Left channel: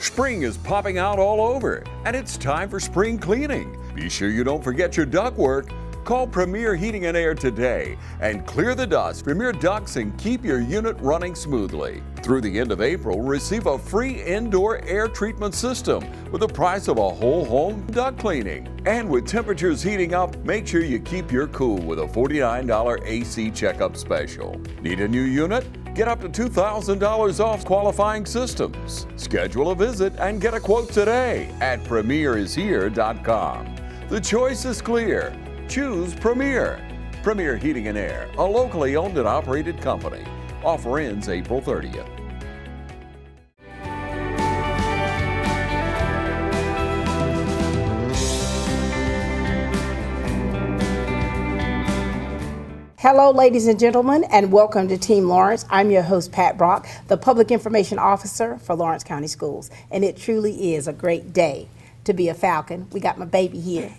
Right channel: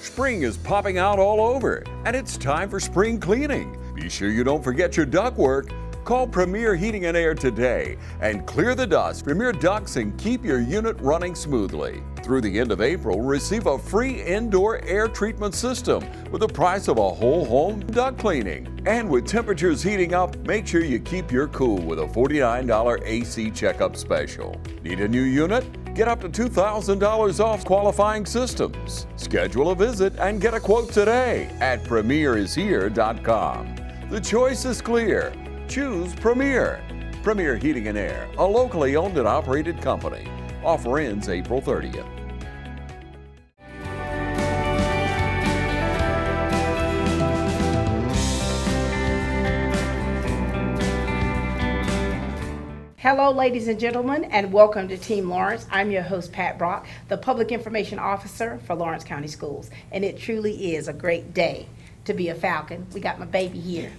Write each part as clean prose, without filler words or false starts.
Spring is popping out all over, and it's time for spring cleaning. Be sure you don't forget your ductwork. Call Premier Heating and Air today and clear the dust from your ducts and keep your unit running smoothly. Through the end of April, receive a free indoor air treatment system with the price of a whole home duct cleaning. And with temperatures heating up, make sure you keep your cool with a $49 AC checkup special. Need a new unit? Get up to $2,000 off qualifying systems. Schedule a visit and get a quote today at premierishere.com. The choice is clear. Choose Premier. Premier Heating and Air, a locally owned and operated company. Offer ends April 30th. Hello, ladies and gentlemen, and welcome to Team Lawrence. I'm your host, Pat Brock, the Public Information Officer for Lawrence County Schools. And it truly is a great day to be a Falcon. We got my baby here.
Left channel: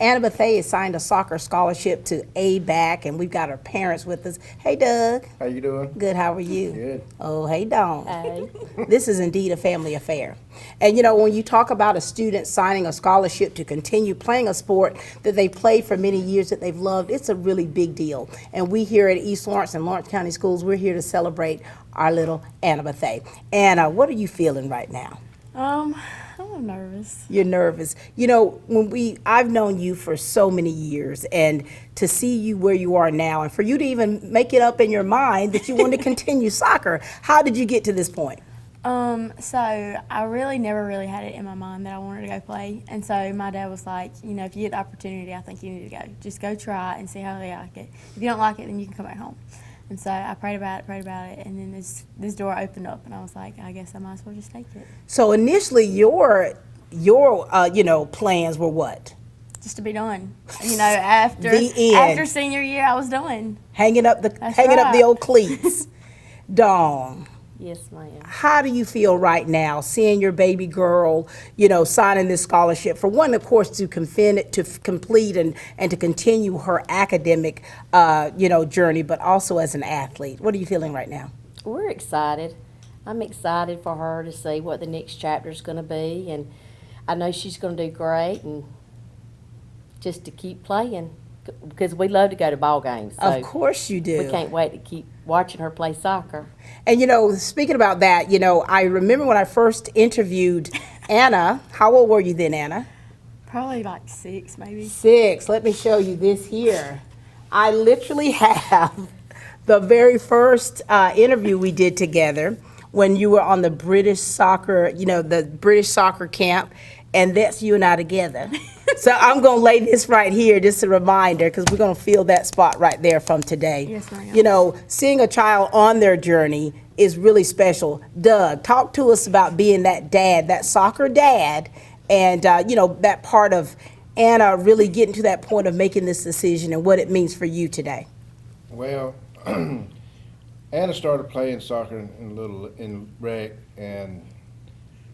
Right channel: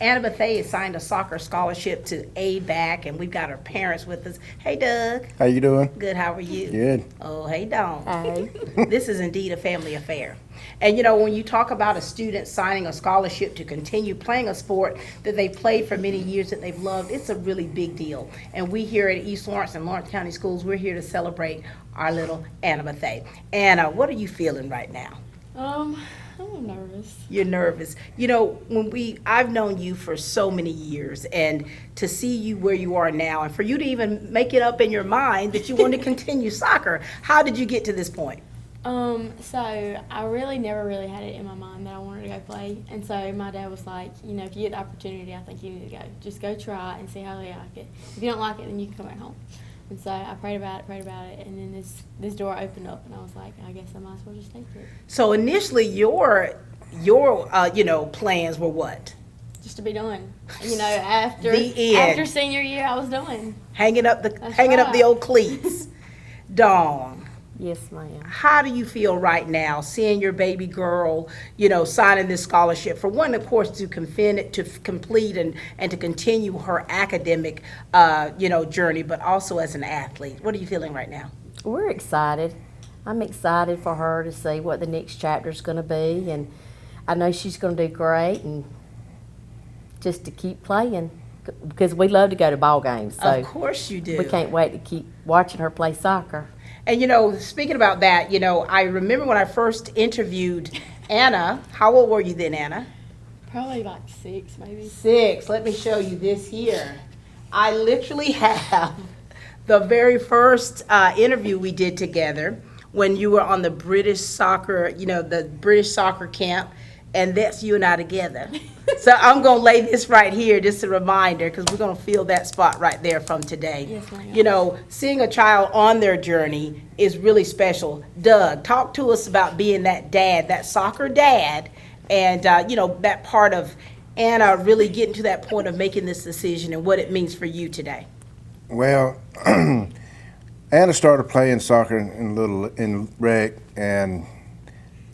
Anna Bethea signed a soccer scholarship to ABAC, and we've got her parents with us. Hey, Doug. How you doing? Good, how are you? Good. Oh, hey, Dawn. Hey. This is indeed a family affair. And you know, when you talk about a student signing a scholarship to continue playing a sport that they played for many years that they've loved, it's a really big deal. And we here at East Lawrence and Lawrence County Schools, we're here to celebrate our little Anna Bethea. Anna, what are you feeling right now? I'm nervous. You're nervous. You know, I've known you for so many years, and to see you where you are now, and for you to even make it up in your mind that you want to continue soccer, how did you get to this point? So I really never had it in my mind that I wanted to go play. And so my dad was like, you know, if you get the opportunity, I think you need to go. Just go try it and see how they like it. If you don't like it, then you can come back home. And so I prayed about it, and then this door opened up, and I was like, I guess I might as well just take it. So initially, your plans were what? Just to be done. You know, after The end. after senior year, I was done. Hanging up the old cleats. Dawn, Yes, ma'am. how do you feel right now, seeing your baby girl, you know, signing this scholarship for one, of course, to complete and to continue her academic, journey, but also as an athlete? What are you feeling right now? We're excited. I'm excited for her to see what the next chapter is going to be, and I know she's going to do great, and just to keep playing because we love to go to ball games. So Of course you do. we can't wait to keep watching her play soccer. And, you know, speaking about that, you know, I remember when I first interviewed Anna. How old were you then, Anna? Probably like 6, maybe. 6. Let me show you this here. I literally have the very first interview we did together when you were on the British soccer, the British soccer camp, and that's you and I together. So I'm going to lay this right here, just a reminder, because we're going to feel that spot right there from today. Yes, ma'am. You know, seeing a child on their journey is really special. Doug, talk to us about being that dad, that soccer dad, and, that part of Anna really getting to that point of making this decision and what it means for you today. Well, Anna started playing soccer in rec, and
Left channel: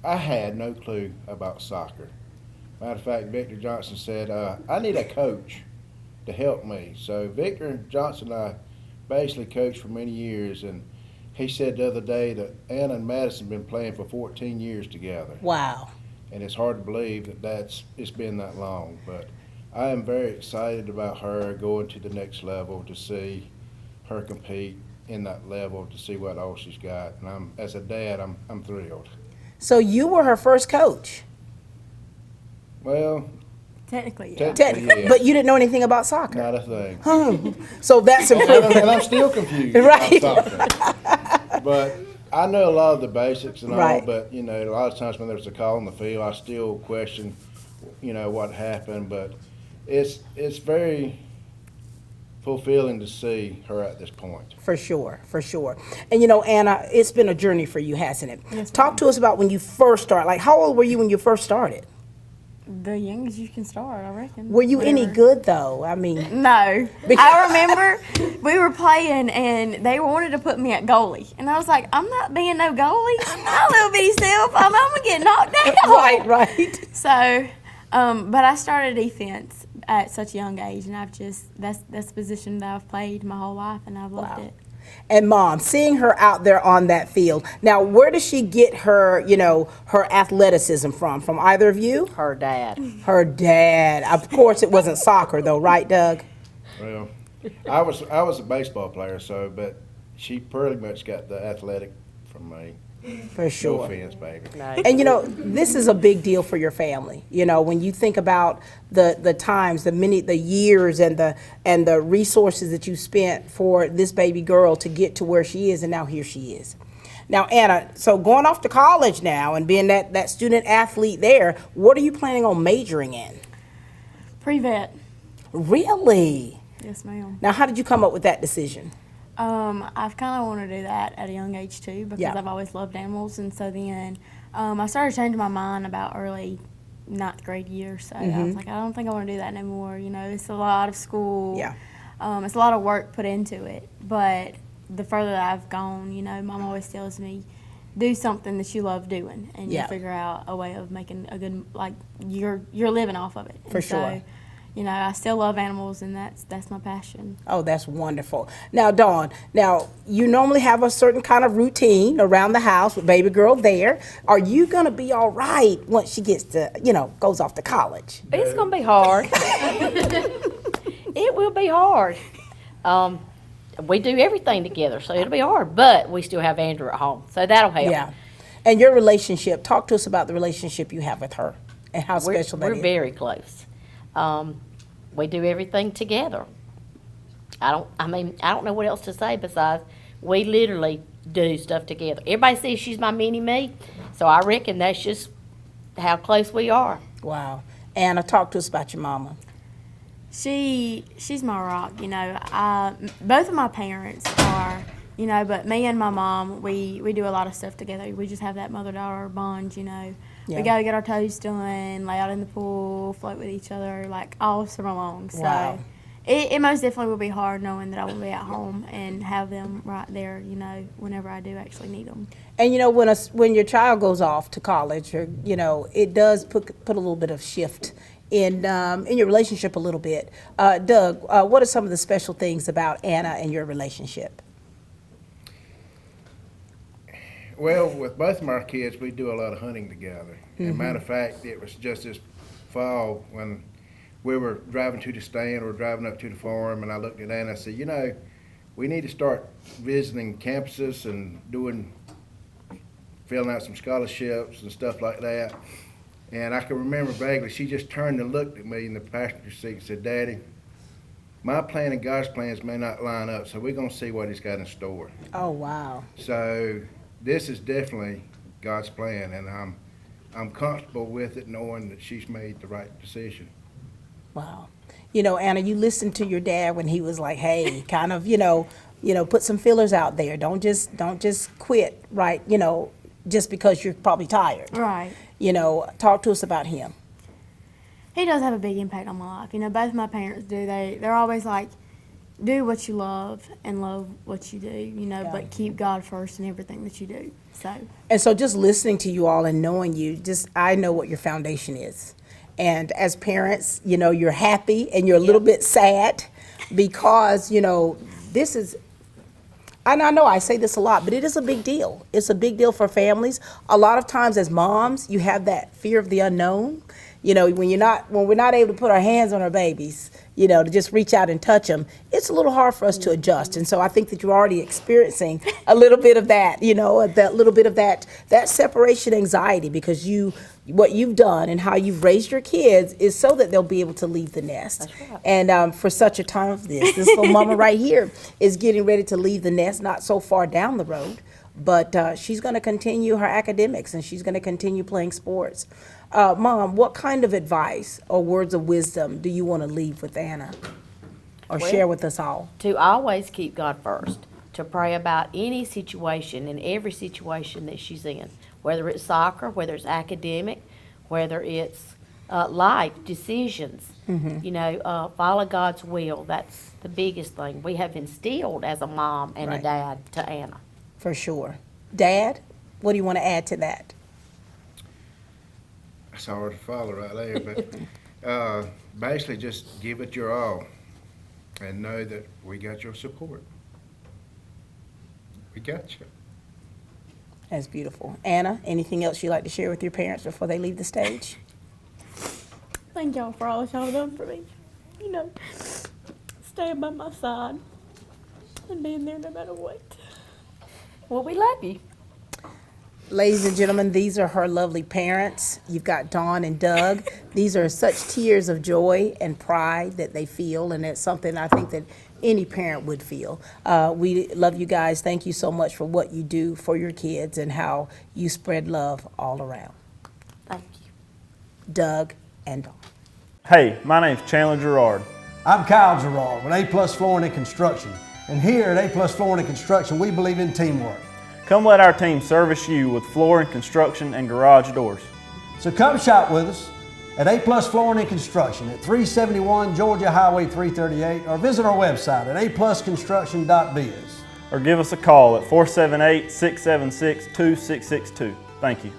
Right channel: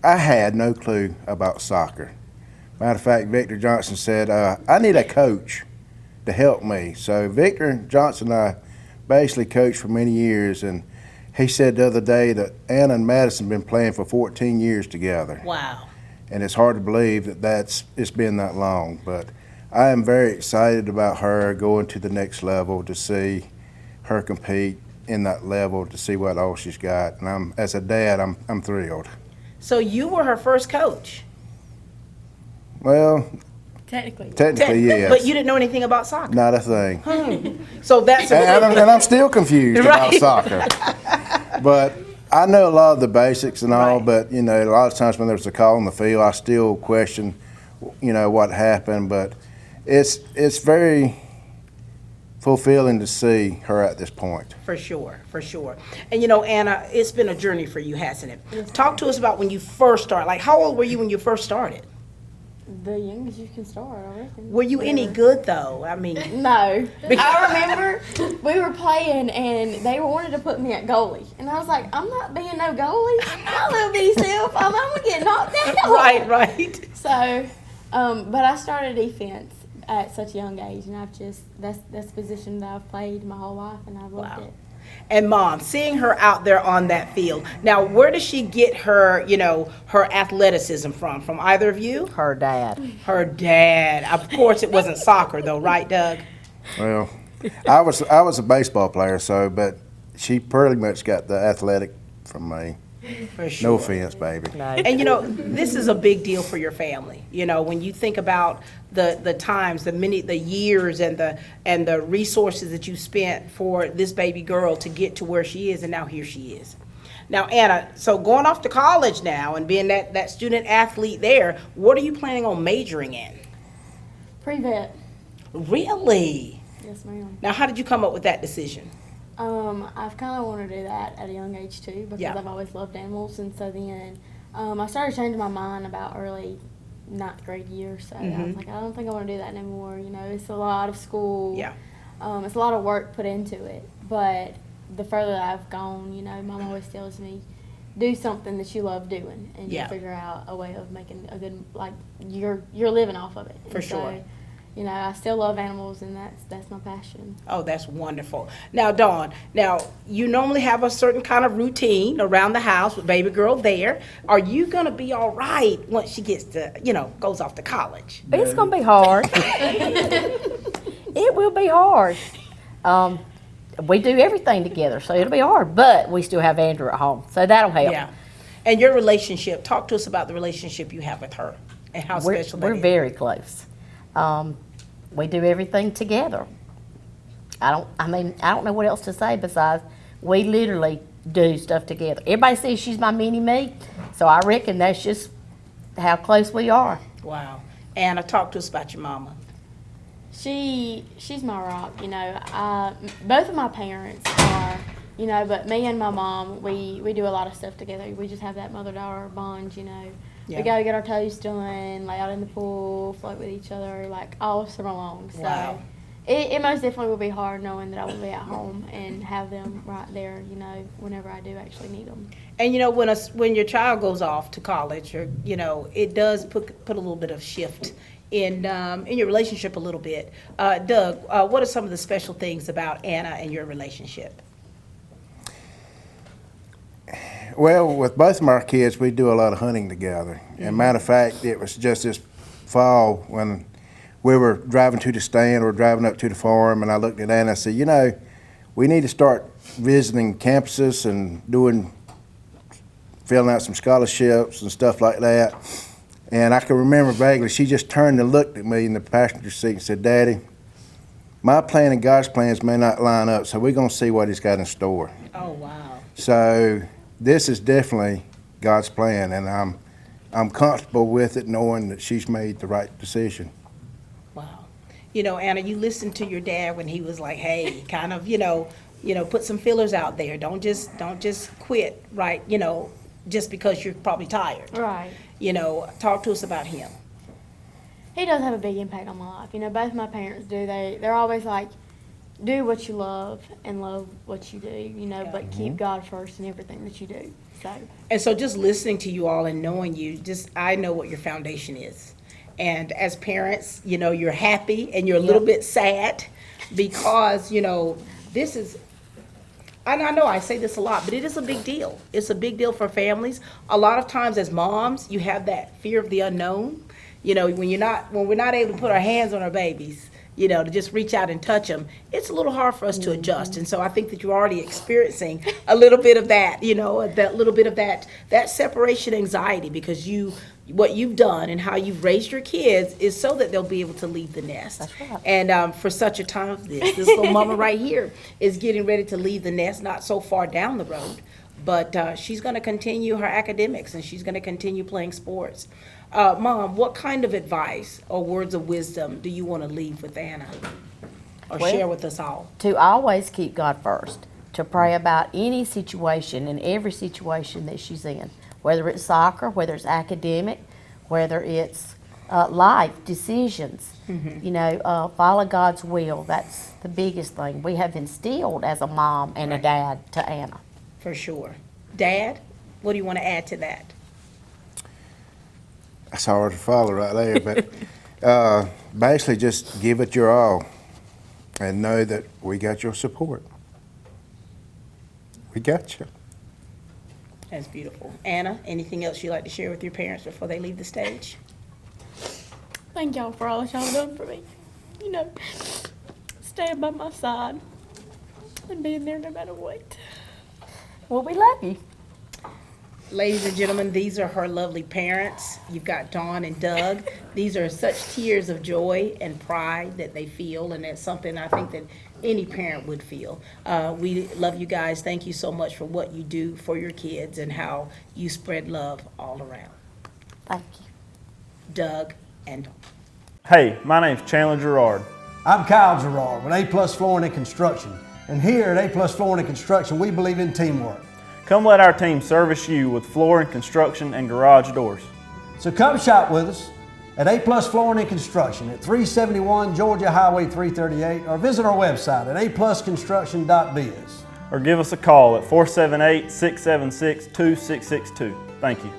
I had no clue about soccer. Matter of fact, Victor Johnson said, I need a coach to help me. So Victor Johnson and I basically coached for many years, and he said the other day that Anna and Madison have been playing for 14 years together. Wow. And it's hard to believe it's been that long. But I am very excited about her going to the next level, to see her compete in that level, to see what all she's got. And as a dad, I'm thrilled. So you were her first coach. Well, Technically, yes. But you didn't know anything about soccer. Not a thing. So that's And I'm still confused Right. about soccer. But I know a lot of the basics and all, Right. but, a lot of times when there's a call on the field, I still question, what happened. But it's very fulfilling to see her at this point. For sure. And Anna, it's been a journey for you, hasn't it? Yes, Talk to us about when you first started. Like, how old were you when you first started? the youngest you can start, I reckon. Were you any good though? I mean, No. I remember we were playing and they wanted to put me at goalie. And I was like, I'm not being no goalie. My little bitty self, I'm going to get knocked out. right. So, but I started defense at such a young age, and I've just, that's the position that I've played my whole life, and I've loved Wow. it. And Mom, seeing her out there on that field. Now, where does she get her, her athleticism from? From either of you? Her dad. Her dad. Of course, it wasn't soccer though, right, Doug? Well, I was a baseball player, but she pretty much got the athletic from me. For sure. No offense, baby. No. And this is a big deal for your family. When you think about the times, the years, and the resources that you spent for this baby girl to get to where she is, and now here she is. Now, Anna, so going off to college now and being that student athlete there, what are you planning on majoring in? Pre-vet. Really? Yes, ma'am. Now, how did you come up with that decision? I've kind of wanted to do that at a young age too because Yeah. I've always loved animals, and so then I started changing my mind about early 9th grade year. So I was like, I don't think I want to do that anymore. It's a lot of school. Yeah. It's a lot of work put into it. But the further that I've gone, Mom always tells me, do something that you love doing, and Yeah. you figure out a way of making a good, you're living off of it. For And sure. So, I still love animals, and that's my passion. Oh, that's wonderful. Now, Dawn, you normally have a certain kind of routine around the house with baby girl there. Are you going to be all right once she gets to, goes off to college? It's going to be hard. It will be hard. We do everything together, so it'll be hard. But we still have Andrew at home, so that'll help. Yeah. And your relationship, talk to us about the relationship you have with her and how special that We're is. very close. We do everything together. I don't know what else to say besides we literally do stuff together. Everybody says she's my mini-me, so I reckon that's just how close we are. Wow. Anna, talk to us about your mama. She's my rock, both of my parents are, but me and my mom, we do a lot of stuff together. We just have that mother-daughter bond, Yeah. We got to get our toes done, lay out in the pool, float with each other, all summer long. So Wow. it most definitely will be hard knowing that I will be at home and have them right there, whenever I do actually need them. And when your child goes off to college, or it does put a little bit of shift in your relationship a little bit. Doug, what are some of the special things about Anna and your relationship? Well, with both of our kids, we do a lot of hunting together. And matter of fact, it was just this fall when we were driving to the stand or driving up to the farm, and I looked at Anna and I said, we need to start visiting campuses and filling out some scholarships and stuff like that. And I can remember vaguely, she just turned and looked at me in the passenger seat and said, Daddy, my plan and God's plans may not line up, so we're going to see what He's got in store. Oh, wow. So this is definitely God's plan, and I'm comfortable with it, knowing that she's made the right decision. Wow. Anna, you listened to your dad when he was like, hey, kind of, put some fillers out there. Don't just quit, right? Just because you're probably tired. Right. Talk to us about him. He does have a big impact on my life. Both my parents do. They're always like, do what you love and love what you do, but keep God first in everything that you do. So just listening to you all and knowing you, I know what your foundation is. And as parents, you're happy and you're a little bit sad because, this is, and I know I say this a lot, but it is a big deal. It's a big deal for families. A lot of times as moms, you have that fear of the unknown. When we're not able to put our hands on our babies, to just reach out and touch them, it's a little hard for us to adjust. And so I think that you're already experiencing a little bit of that, that little bit of that separation anxiety, because what you've done and how you've raised your kids is so that they'll be able to leave the nest. That's right. And for such a time as this little mama right here is getting ready to leave the nest, not so far down the road, but she's going to continue her academics and she's going to continue playing sports. Mom, what kind of advice or words of wisdom do you want to leave with Anna or share with us all? To always keep God first, to pray about any situation and every situation that she's in, whether it's soccer, whether it's academic, whether it's life decisions. Follow God's will. That's the biggest thing we have instilled as a mom and a dad to Anna. For sure. Dad, what do you want to add to that? That's hard to follow right there, but basically just give it your all and know that we got your support. We got you. That's beautiful. Anna, anything else you'd like to share with your parents before they leave the stage? Thank y'all for all that y'all done for me. You know, staying by my side and being there no matter what. Well, we love you. Ladies and gentlemen, these are her lovely parents. You've got Dawn and Doug. These are such tears of joy and pride that they feel, and it's something I think that any parent would feel. We love you guys. Thank you so much for what you do for your kids and how you spread love all around. Thank you. Doug and Dawn. Hey, my name's Chandler Gerard. I'm Kyle Gerard with A+ Flooring and Construction. And here at A+ Flooring and Construction, we believe in teamwork. Come let our team service you with flooring, construction, and garage doors. So come shop with us at A+ Flooring and Construction at 371 Georgia Highway 338 or visit our website at aplusconstruction.biz. Or give us a call at 478-676-2662. Thank you.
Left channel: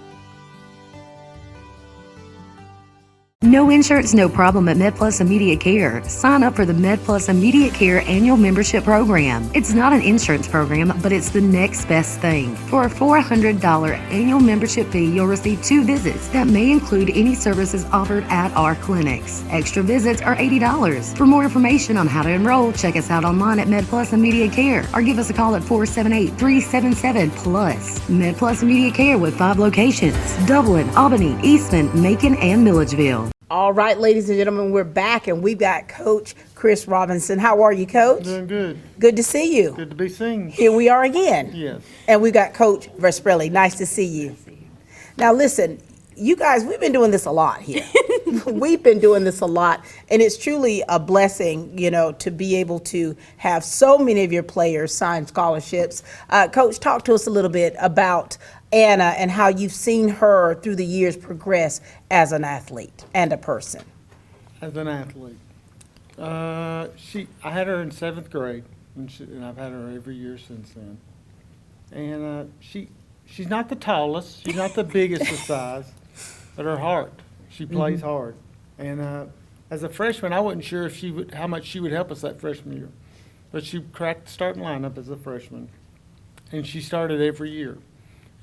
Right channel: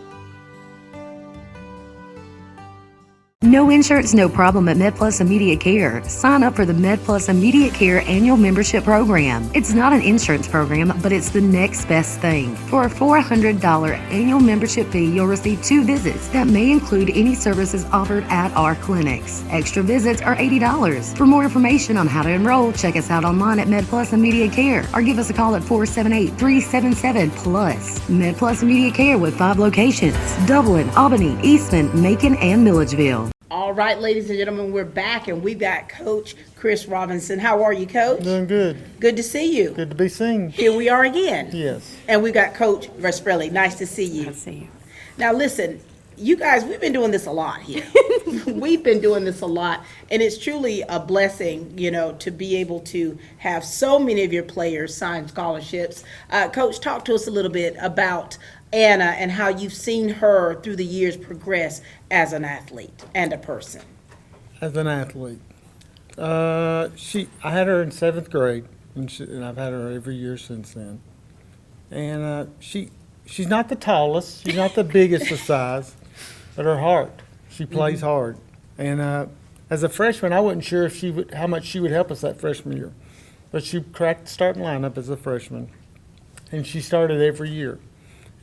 No insurance, no problem at MedPlus Immediate Care. Sign up for the MedPlus Immediate Care annual membership program. It's not an insurance program, but it's the next best thing. For a $400 annual membership fee, you'll receive 2 visits that may include any services offered at our clinics. Extra visits are $80. For more information on how to enroll, check us out online at MedPlus Immediate Care or give us a call at 478-377-PLUS. MedPlus Immediate Care with 5 locations: Dublin, Albany, Eastman, Macon, and Milledgeville. All right, ladies and gentlemen, we're back and we've got Coach Chris Robinson. How are you, Coach? Doing good. Good to see you. Good to be seen. Here we are again. Yes. And we got Coach Vesprelli. Nice to see you. Let's see. Now listen, you guys, we've been doing this a lot here. We've been doing this a lot, and it's truly a blessing, you know, to be able to have so many of your players sign scholarships. Coach, talk to us a little bit about Anna and how you've seen her through the years progress as an athlete and a person. As an athlete, I had her in 7th grade, and I've had her every year since then. And she's not the tallest, she's not the biggest of size, but her heart, she plays hard. And as a freshman, I wasn't sure if how much she would help us that freshman year, but she cracked the starting lineup as a freshman, and she started every year.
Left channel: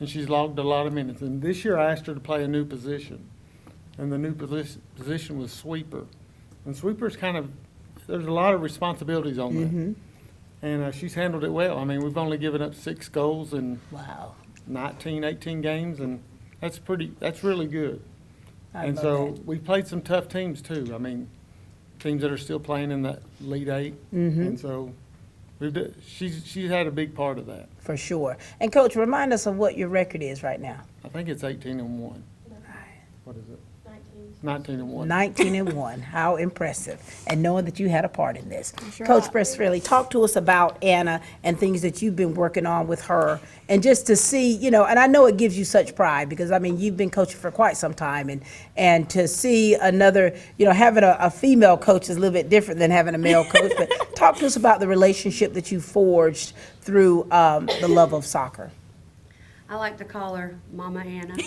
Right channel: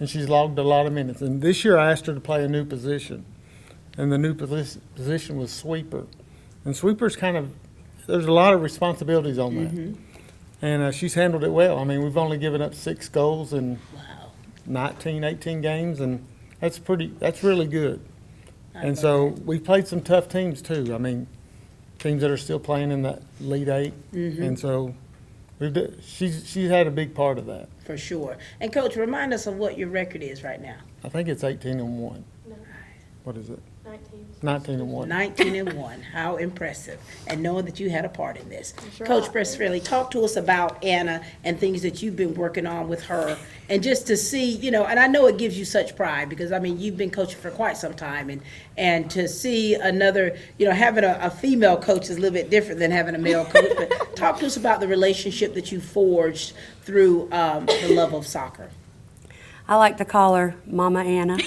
And she's logged a lot of minutes. And this year I asked her to play a new position. And the new position was sweeper. And sweeper's there's a lot of responsibilities on that. And she's handled it well. I mean, we've only given up 6 goals in 18 games, and that's really good. And so we've played some tough teams too. I mean, teams that are still playing in the Elite 8. And so she's had a big part of that. For sure. And Coach, remind us of what your record is right now. I think it's 18-1. What is it? 19-1. 19-1. How impressive. And knowing that you had a part in this. Coach Presfrelli, talk to us about Anna and things that you've been working on with her. And just to see, you know, and I know it gives you such pride because, I mean, you've been coaching for quite some time. And to see another, you know, having a female coach is a little bit different than having a male coach. But talk to us about the relationship that you forged through the love of soccer. I like to call her Mama Anna.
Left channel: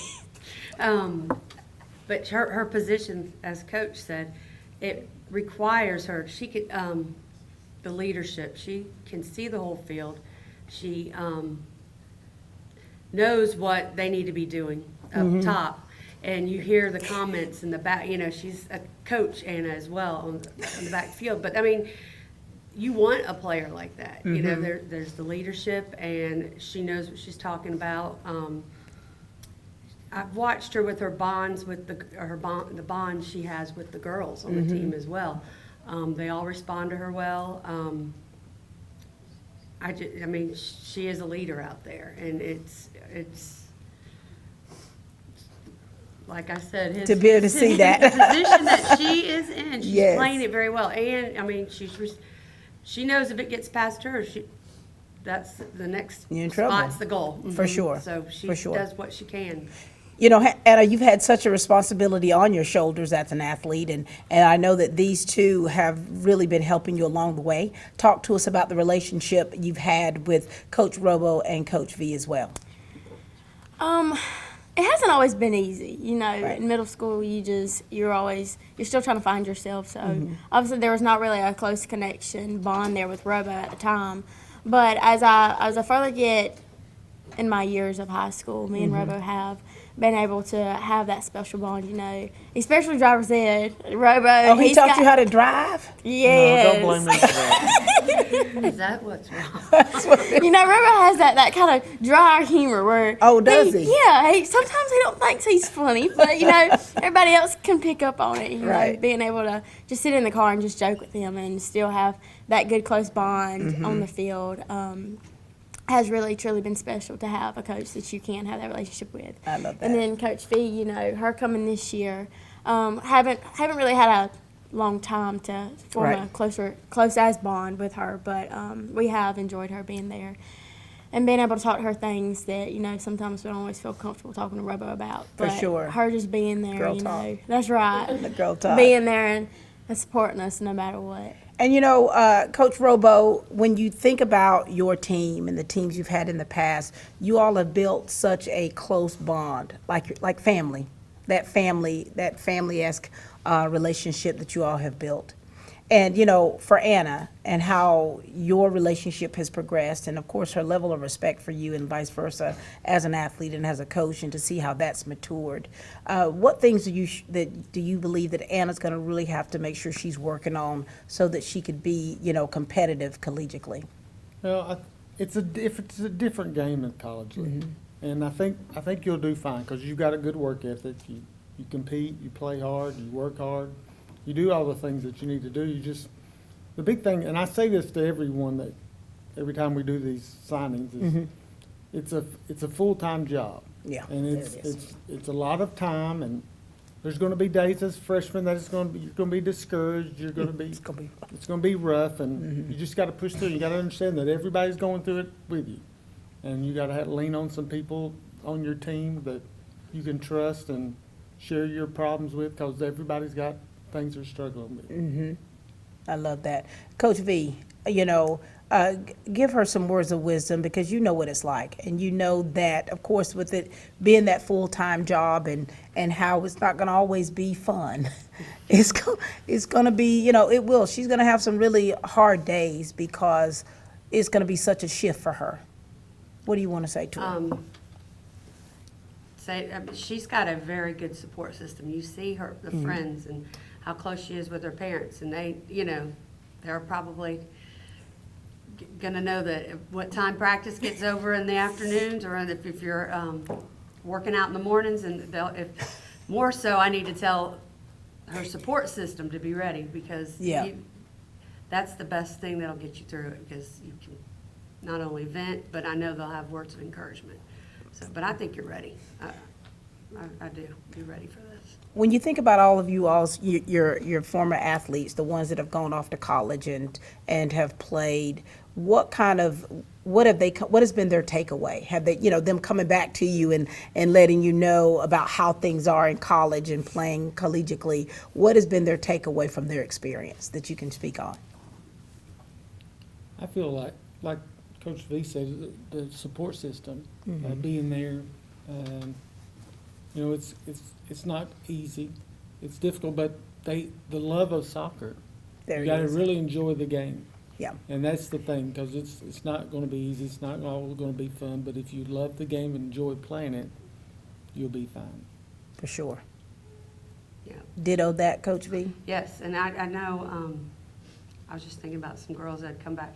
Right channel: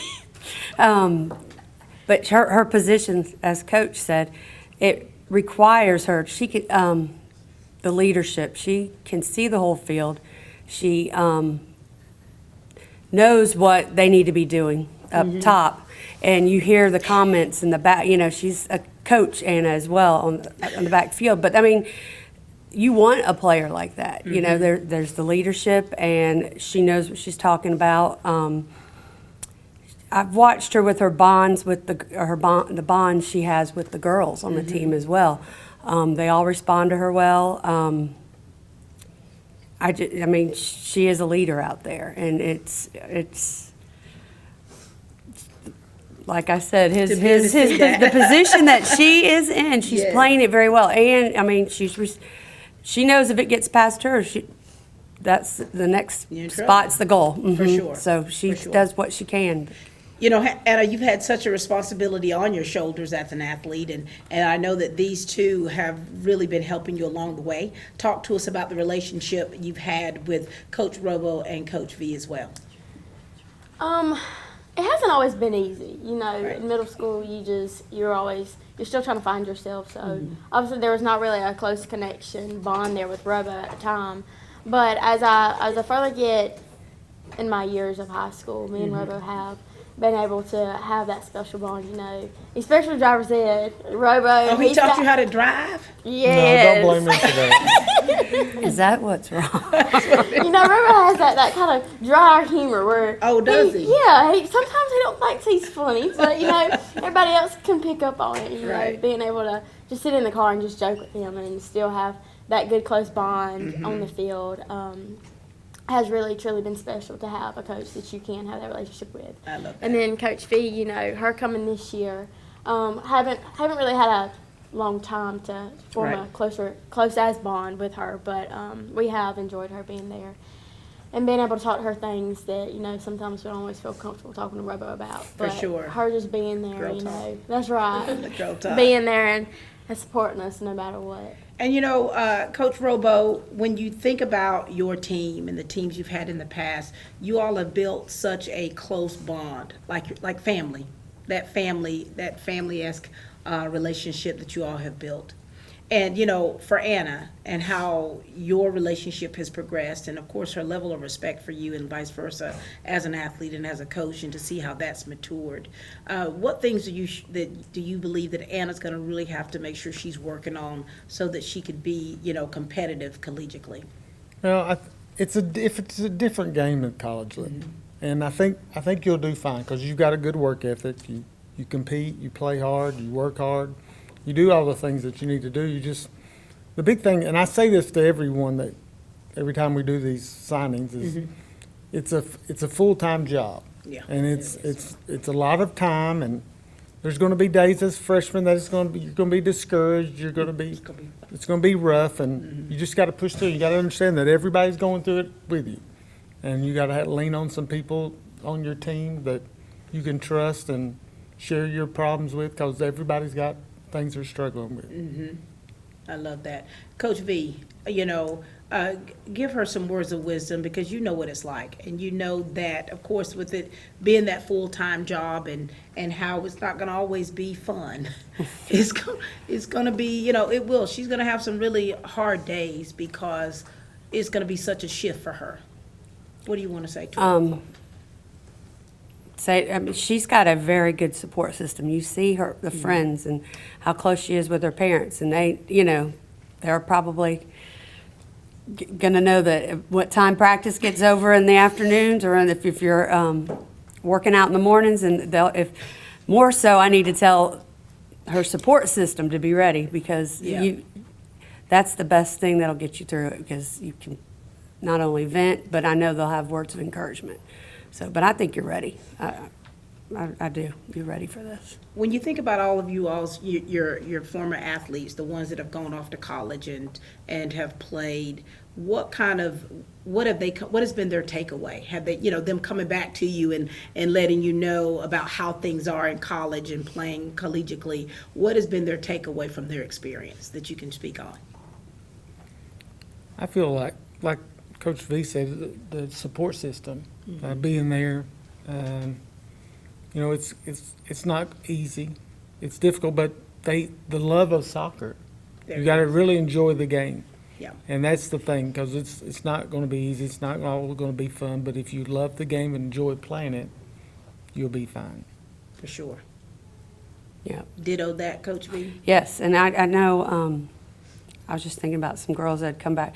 But her position, as Coach said, it requires her. She could the leadership. She can see the whole field. She knows what they need to be doing up top, and you hear the comments in the back. You know, she's a coach, Anna, as well on the back field. But I mean, you want a player like that. You know, there's the leadership, and she knows what she's talking about. I've watched her with her bonds with the bonds she has with the girls on the team as well. They all respond to her well. I mean, she is a leader out there, and it's like I said, the position that she is in, she's playing it very well, and I mean, she knows if it gets past her, that's the next spot's the goal. For sure. So she does what she can. You know, Anna, you've had such a responsibility on your shoulders as an athlete, and I know that these two have really been helping you along the way. Talk to us about the relationship you've had with Coach Robo and Coach V as well. It hasn't always been easy. You know, in middle school, you're still trying to find yourself. So obviously there was not really a close bond there with Robo at the time. But as I further get in my years of high school, me and Robo have been able to have that special bond, you know, especially driver's ed. Robo, Oh, he taught you how to drive? Yes. No, don't blame me for that. Is that what's wrong? You know, Robo has that kind of dry humor where. Oh, does he? Yeah, sometimes he don't think he's funny, but you know, everybody else can pick up on it. You know, Right. being able to just sit in the car and just joke with him and still have that good close bond on the field. Has really truly been special to have a coach that you can have that relationship with. I love that. And then Coach Fee, you know, her coming this year, haven't really had a long time to form a Right. close as bond with her, but we have enjoyed her being there and being able to talk to her things that, you know, sometimes we don't always feel comfortable talking to Robo about. For But sure. her just being there, Girl you talk. know, that's right. Girl talk. Being there and supporting us no matter what. And you know, Coach Robo, when you think about your team and the teams you've had in the past, you all have built such a close bond, like family, that family-esque relationship that you all have built. And you know, for Anna and how your relationship has progressed, and of course her level of respect for you and vice versa as an athlete and as a coach, and to see how that's matured. What things do you believe that Anna's going to really have to make sure she's working on so that she could be, you know, competitive collegiately? Well, it's a different game in college league, and I think you'll do fine because you've got a good work ethic. You compete, you play hard, you work hard, you do all the things that you need to do. The big thing, and I say this to everyone that every time we do these signings, is it's a full-time job. Yeah, and it is. it's a lot of time, and there's going to be days as freshmen that you're going to be discouraged. It's going to be rough, and you just got to push through. You got to understand that everybody's going through it with you, and you got to lean on some people on your team that you can trust and share your problems with, because everybody's got things they're struggling with. I love that. Coach V, you know, give her some words of wisdom, because you know what it's like. And you know that, of course, with it being that full-time job and how it's not going to always be fun. It's going to be, you know, it will. She's going to have some really hard days because it's going to be such a shift for her. What do you want to say to her? She's got a very good support system. You see the friends and how close she is with her parents, and they, you know, they're probably gonna know that what time practice gets over in the afternoons, or if you're working out in the mornings, and if more so, I need to tell her support system to be ready, because that's the best thing that'll get you through it, because you can not only vent, but I know they'll have words of encouragement. So, but I think you're ready. I do. You're ready for this. When you think about all of your former athletes, the ones that have gone off to college and have played, what has been their takeaway? Have they, you know, them coming back to you and letting you know about how things are in college and playing collegiately? What has been their takeaway from their experience that you can speak on? I feel like Coach V said, the support system, being there. You know, it's not easy. It's difficult, but the love of soccer. You got to really enjoy the game. Yeah. And that's the thing, because it's not going to be easy. It's not all going to be fun. But if you love the game and enjoy playing it, you'll be fine. For sure. Yeah. Ditto that, Coach V? Yes, and I know, I was just thinking about some girls that had come back.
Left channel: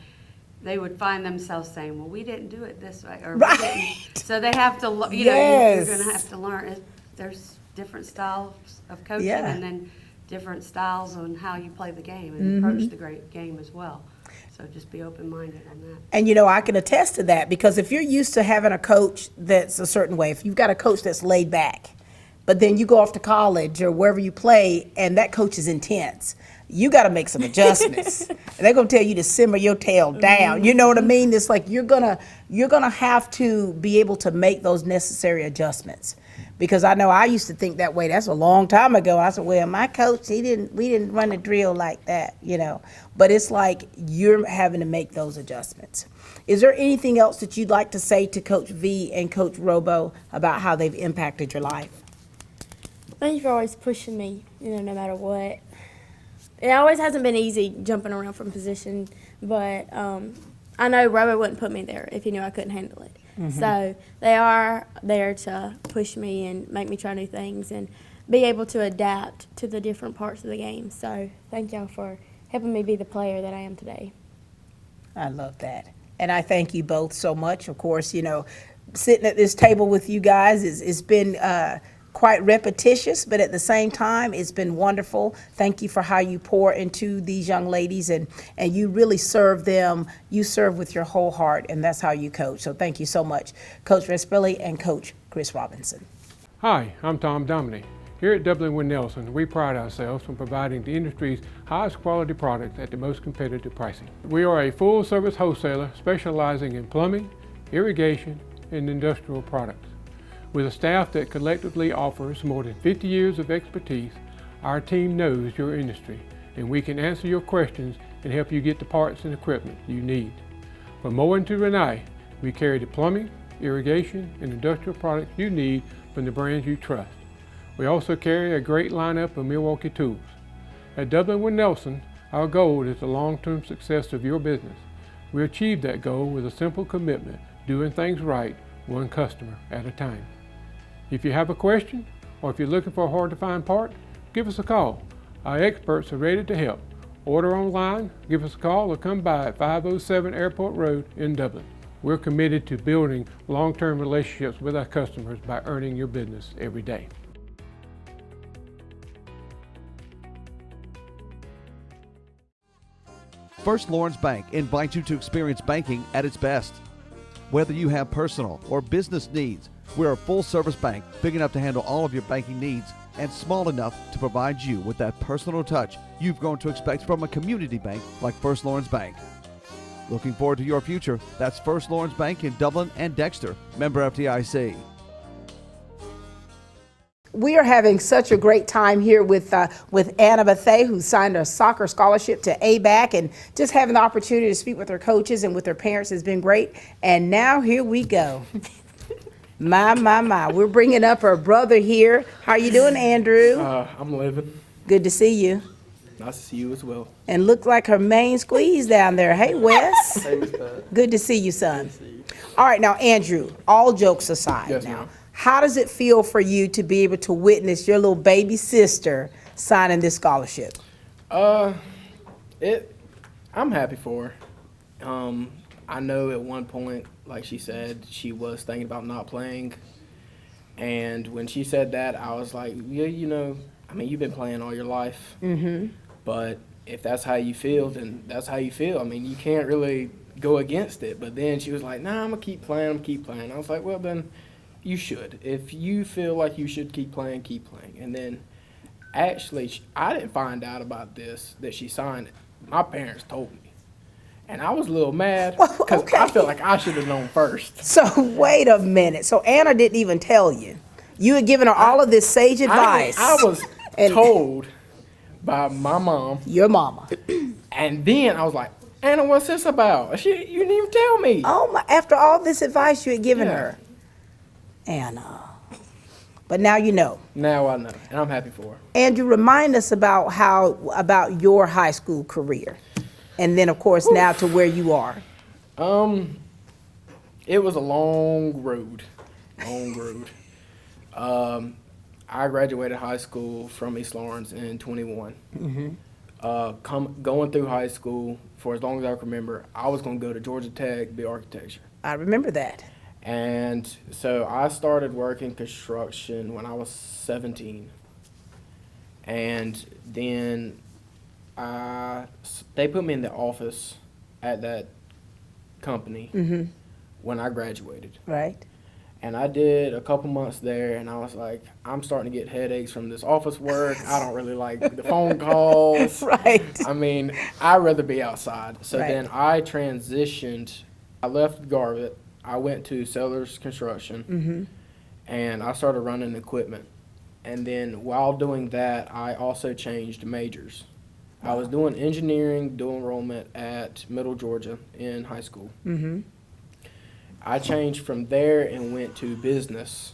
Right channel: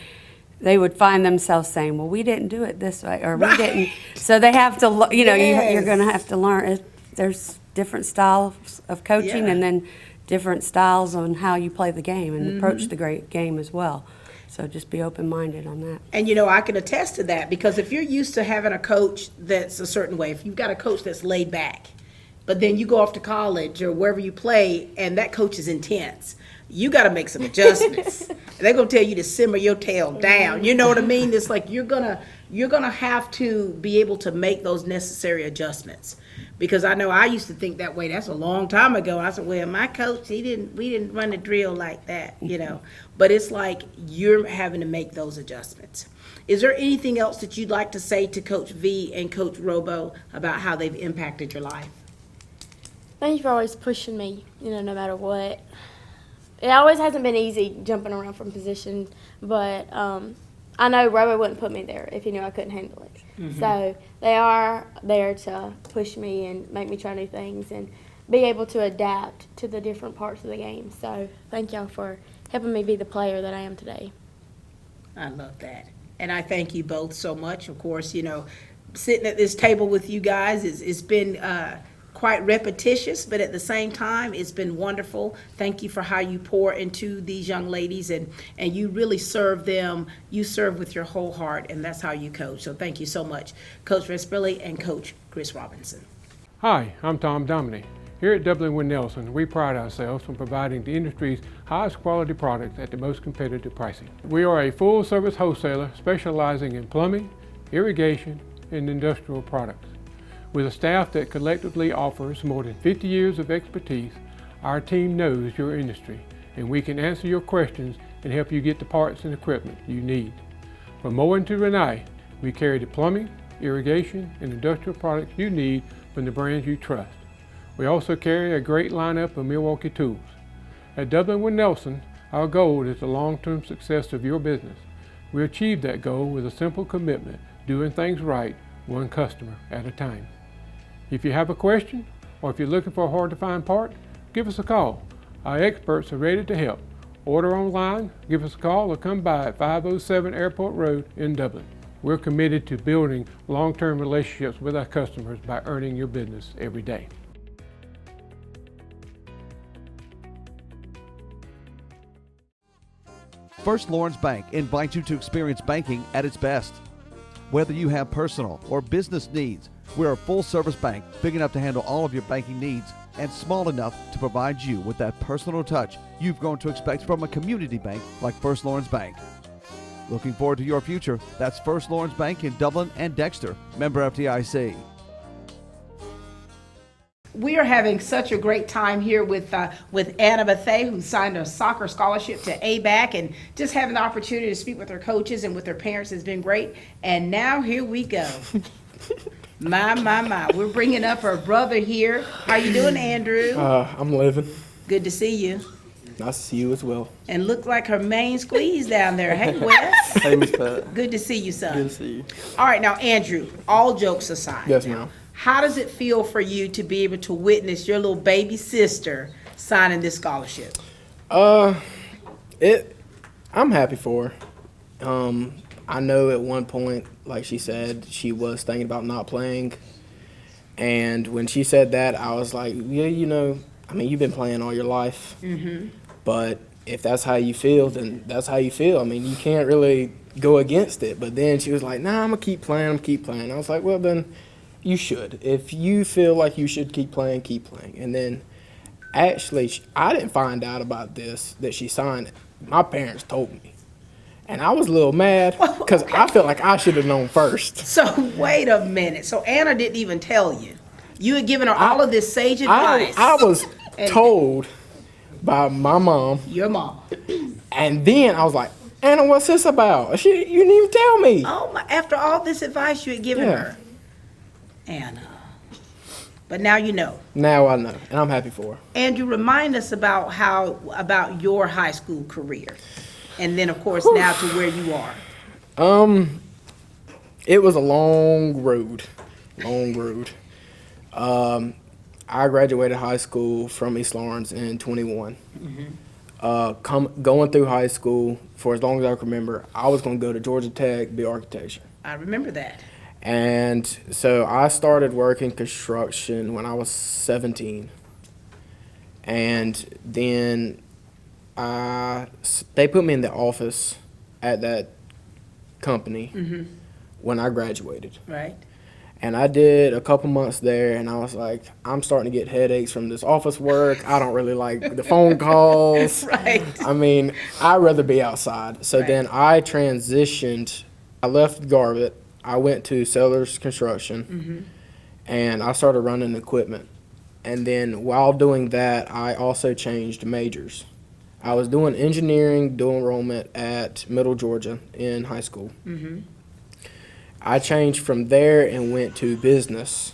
They would find themselves saying, well, we didn't do it this way, or we didn't. So they have to, you know, you're going to have to learn. There's different styles of coaching, and then different styles on how you play the game and approach the great game as well. So just be open-minded on that. And, you know, I can attest to that, because if you're used to having a coach that's a certain way, if you've got a coach that's laid back, but then you go off to college or wherever you play and that coach is intense, you got to make some adjustments. And they're going to tell you to simmer your tail down. You know what I mean? It's like you're gonna have to be able to make those necessary adjustments. Because I know I used to think that way. That's a long time ago. I said, well, my coach, we didn't run a drill like that, you know. But it's like you're having to make those adjustments. Is there anything else that you'd like to say to Coach V and Coach Robo about how they've impacted your life? Thank you for always pushing me, you know, no matter what. It always hasn't been easy jumping around from position, but I know Robo wouldn't put me there if he knew I couldn't handle it. So they are there to push me and make me try new things and be able to adapt to the different parts of the game. So thank y'all for helping me be the player that I am today. I love that. And I thank you both so much. Of course, you know, sitting at this table with you guys it's been quite repetitious, but at the same time, it's been wonderful. Thank you for how you pour into these young ladies and you really serve them. You serve with your whole heart, and that's how you coach. So thank you so much, Coach Vespilli and Coach Chris Robinson. Hi, I'm Tom Dominy. Here at Dublin Nelson, we pride ourselves on providing the industry's highest quality products at the most competitive pricing. We are a full-service wholesaler specializing in plumbing, irrigation, and industrial products. With a staff that collectively offers more than 50 years of expertise, our team knows your industry, and we can answer your questions and help you get the parts and equipment you need. From mowing to Renee, we carry the plumbing, irrigation, and industrial products you need from the brands you trust. We also carry a great lineup of Milwaukee tools. At Dublin Nelson, our goal is the long-term success of your business. We achieve that goal with a simple commitment, doing things right, one customer at a time. If you have a question, or if you're looking for a hard-to-find part, give us a call. Our experts are ready to help. Order online, give us a call, or come by at 507 Airport Road in Dublin. We're committed to building long-term relationships with our customers by earning your business every day. First Lawrence Bank invites you to experience banking at its best. Whether you have personal or business needs, we're a full-service bank big enough to handle all of your banking needs and small enough to provide you with that personal touch you've grown to expect from a community bank like First Lawrence Bank. Looking forward to your future? That's First Lawrence Bank in Dublin and Dexter, member FDIC. We are having such a great time here with Anna Bethea, who signed a soccer scholarship to ABAC, and just having the opportunity to speak with her coaches and with her parents has been great. And now here we go. My. We're bringing up her brother here. How you doing, Andrew? I'm living. Good to see you. Nice to see you as well. And look like her main squeeze down there. Hey, Wes. Hey, Miss Pat. Good to see you, son. Good to see you. All right, now, Andrew, all jokes aside. Yes, now, ma'am. how does it feel for you to be able to witness your little baby sister signing this scholarship? I'm happy for her. I know at one point, like she said, she was thinking about not playing. And when she said that, I was like, yeah, you know, I mean, you've been playing all your life. Mm-hmm. But if that's how you feel, then that's how you feel. I mean, you can't really go against it. But then she was like, nah, I'm going to keep playing. I was like, well, then you should. If you feel like you should keep playing, keep playing. And then actually, I didn't find out about this, that she signed it. My parents told me. And I was a little mad because I felt like I should have known first. So wait a minute. So Anna didn't even tell you. You had given her all of this sage advice. I was told by my mom. Your mama. And then I was like, Anna, what's this about? You didn't even tell me. Oh my! After all this advice you had given her. Anna. But now you know. Now I know, and I'm happy for her. Andrew, remind us about your high school career. And then, of course, now to where you are. It was a long road. I graduated high school from East Lawrence in 21. Mm-hmm. Going through high school, for as long as I can remember, I was going to go to Georgia Tech, be architecture. I remember that. And so I started working construction when I was 17. And then they put me in the office at that company when I graduated. Right. And I did a couple months there, and I was like, I'm starting to get headaches from this office work. I don't really like the phone calls. Right. I mean, I'd rather be outside. So then I transitioned. I left Garbutt. I went to Sellers Construction, and I started running equipment. And then while doing that, I also changed majors. I was doing engineering, dual enrollment at Middle Georgia in high school. Mm-hmm. I changed from there and went to business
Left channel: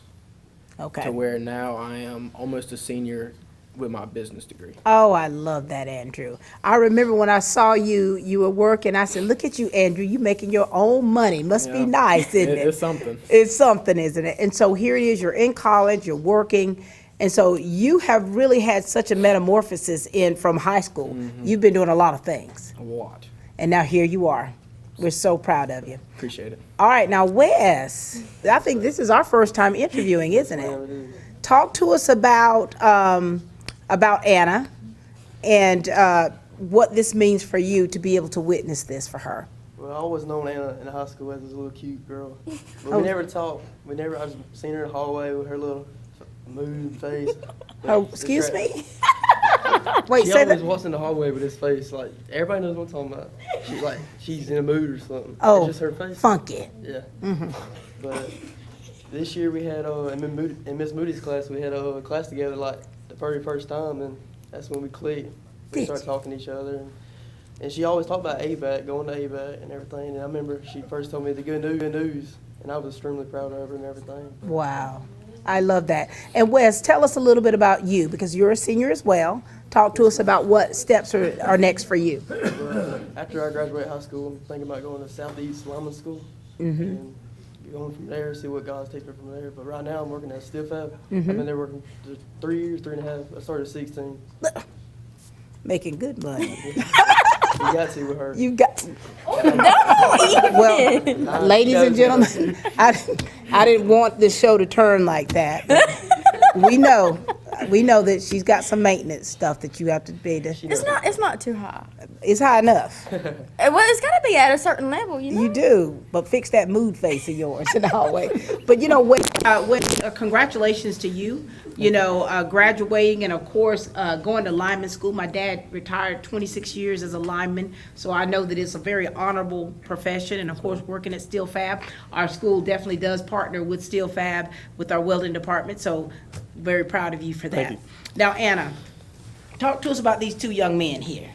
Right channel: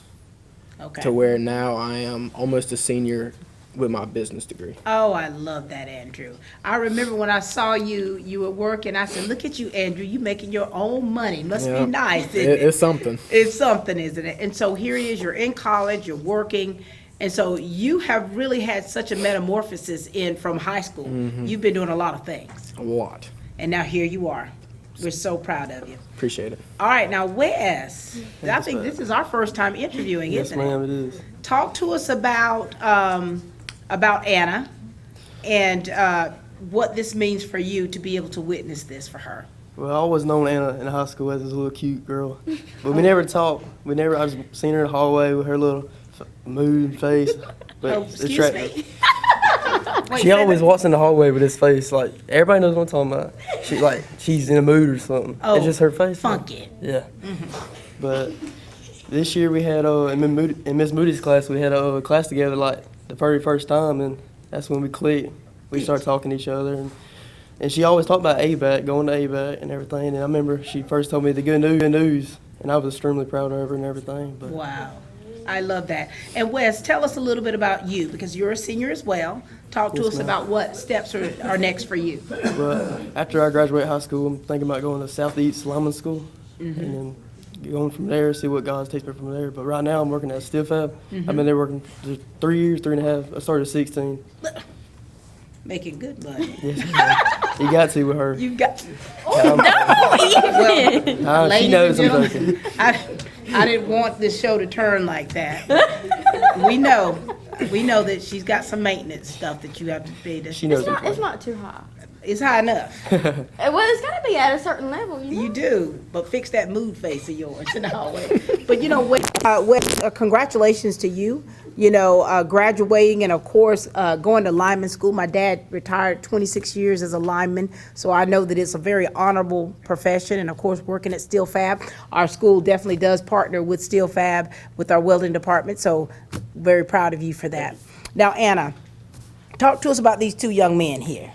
to where now I am almost a senior with my business degree. Oh, I love that, Andrew. I remember when I saw you were working, I said, look at you, Andrew, you making your own money. Must be Yeah. nice, isn't it? It's something. It's something, isn't it? And so here it is, you're in college, you're working, and so you have really had such a metamorphosis from high school. Mm-hmm. You've been doing a lot of things. A lot. And now here you are. We're so proud of you. Appreciate it. All right, now Wes, I think this is our first time interviewing, isn't it? Ma'am, it is. Talk to us about Anna and what this means for you to be able to witness this for her. Well, I always known Anna in high school as this little cute girl, but we never talked. I just seen her in the hallway with her little mood face. But Oh, it's excuse me? Wait, She say always that- walks in the hallway with this face, like everybody knows what I'm talking about. She's in a mood or something. Oh, it's just her face. funky. Yeah. But this year we had in Miss Moody's class we had a class together like the very first time, and that's when we clicked. We started talking to each other, and she always talked about ABAC, going to ABAC and everything. And I remember she first told me the good news, and I was extremely proud of her and everything. But Wow. I love that. And Wes, tell us a little bit about you, because you're a senior as well. Talk to us about what steps are next for you. But after I graduate high school, I'm thinking about going to Southeast Lineman School and then going from there, see what God's takes me from there. But right now I'm working at Steel Fab. I've been there working for 3 years, 3.5. I started at 16. Making good money. You got to with her. You got Well, ladies and gentlemen, I didn't want this show to turn like that. We know that she's got some maintenance stuff that you have to pay to. It's not too high. It's high enough. Well, it's got to be at a certain level, you know. You do, but fix that mood face of yours in the hallway. But you know, Wes, congratulations to you. You know, graduating and of course going to lineman school. My dad retired 26 years as a lineman, so I know that it's a very honorable profession. And of course, working at Steel Fab, our school definitely does partner with Steel Fab with our welding department. So very proud of you for that. Now, Anna, talk to us about these two young men here.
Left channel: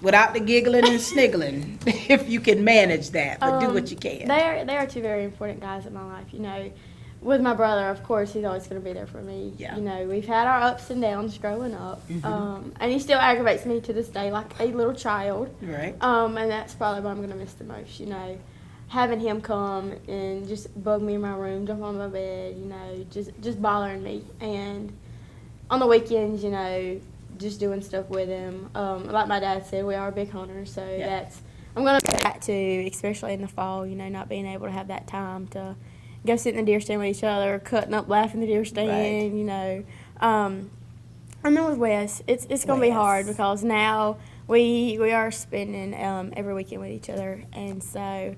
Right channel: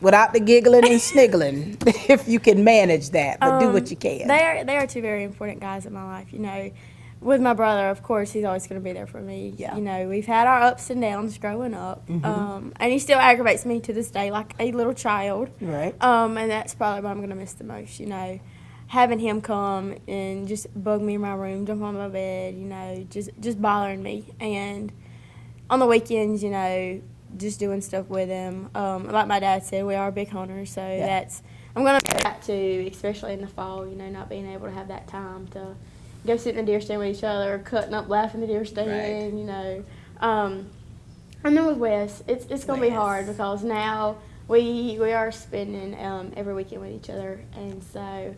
Without the giggling and sniggling, if you can manage that, but do what you can. They are two very important guys in my life. You know, with my brother, of course, he's always going to be there for me. Yeah. You know, we've had our ups and downs growing up, and he still aggravates me to this day like a little child. Right. And that's probably what I'm going to miss the most. You know, having him come and just bug me in my room, jump on my bed. You know, just bothering me. And on the weekends, you know, just doing stuff with him. Like my dad said, we are big hunters, so I'm going to do that too, especially in the fall. You know, not being able to have that time to go sit in the deer stand with each other, cutting up, laughing in the deer stand, you know. And then with Wes, it's going to be hard because now we are spending every weekend with each other, and so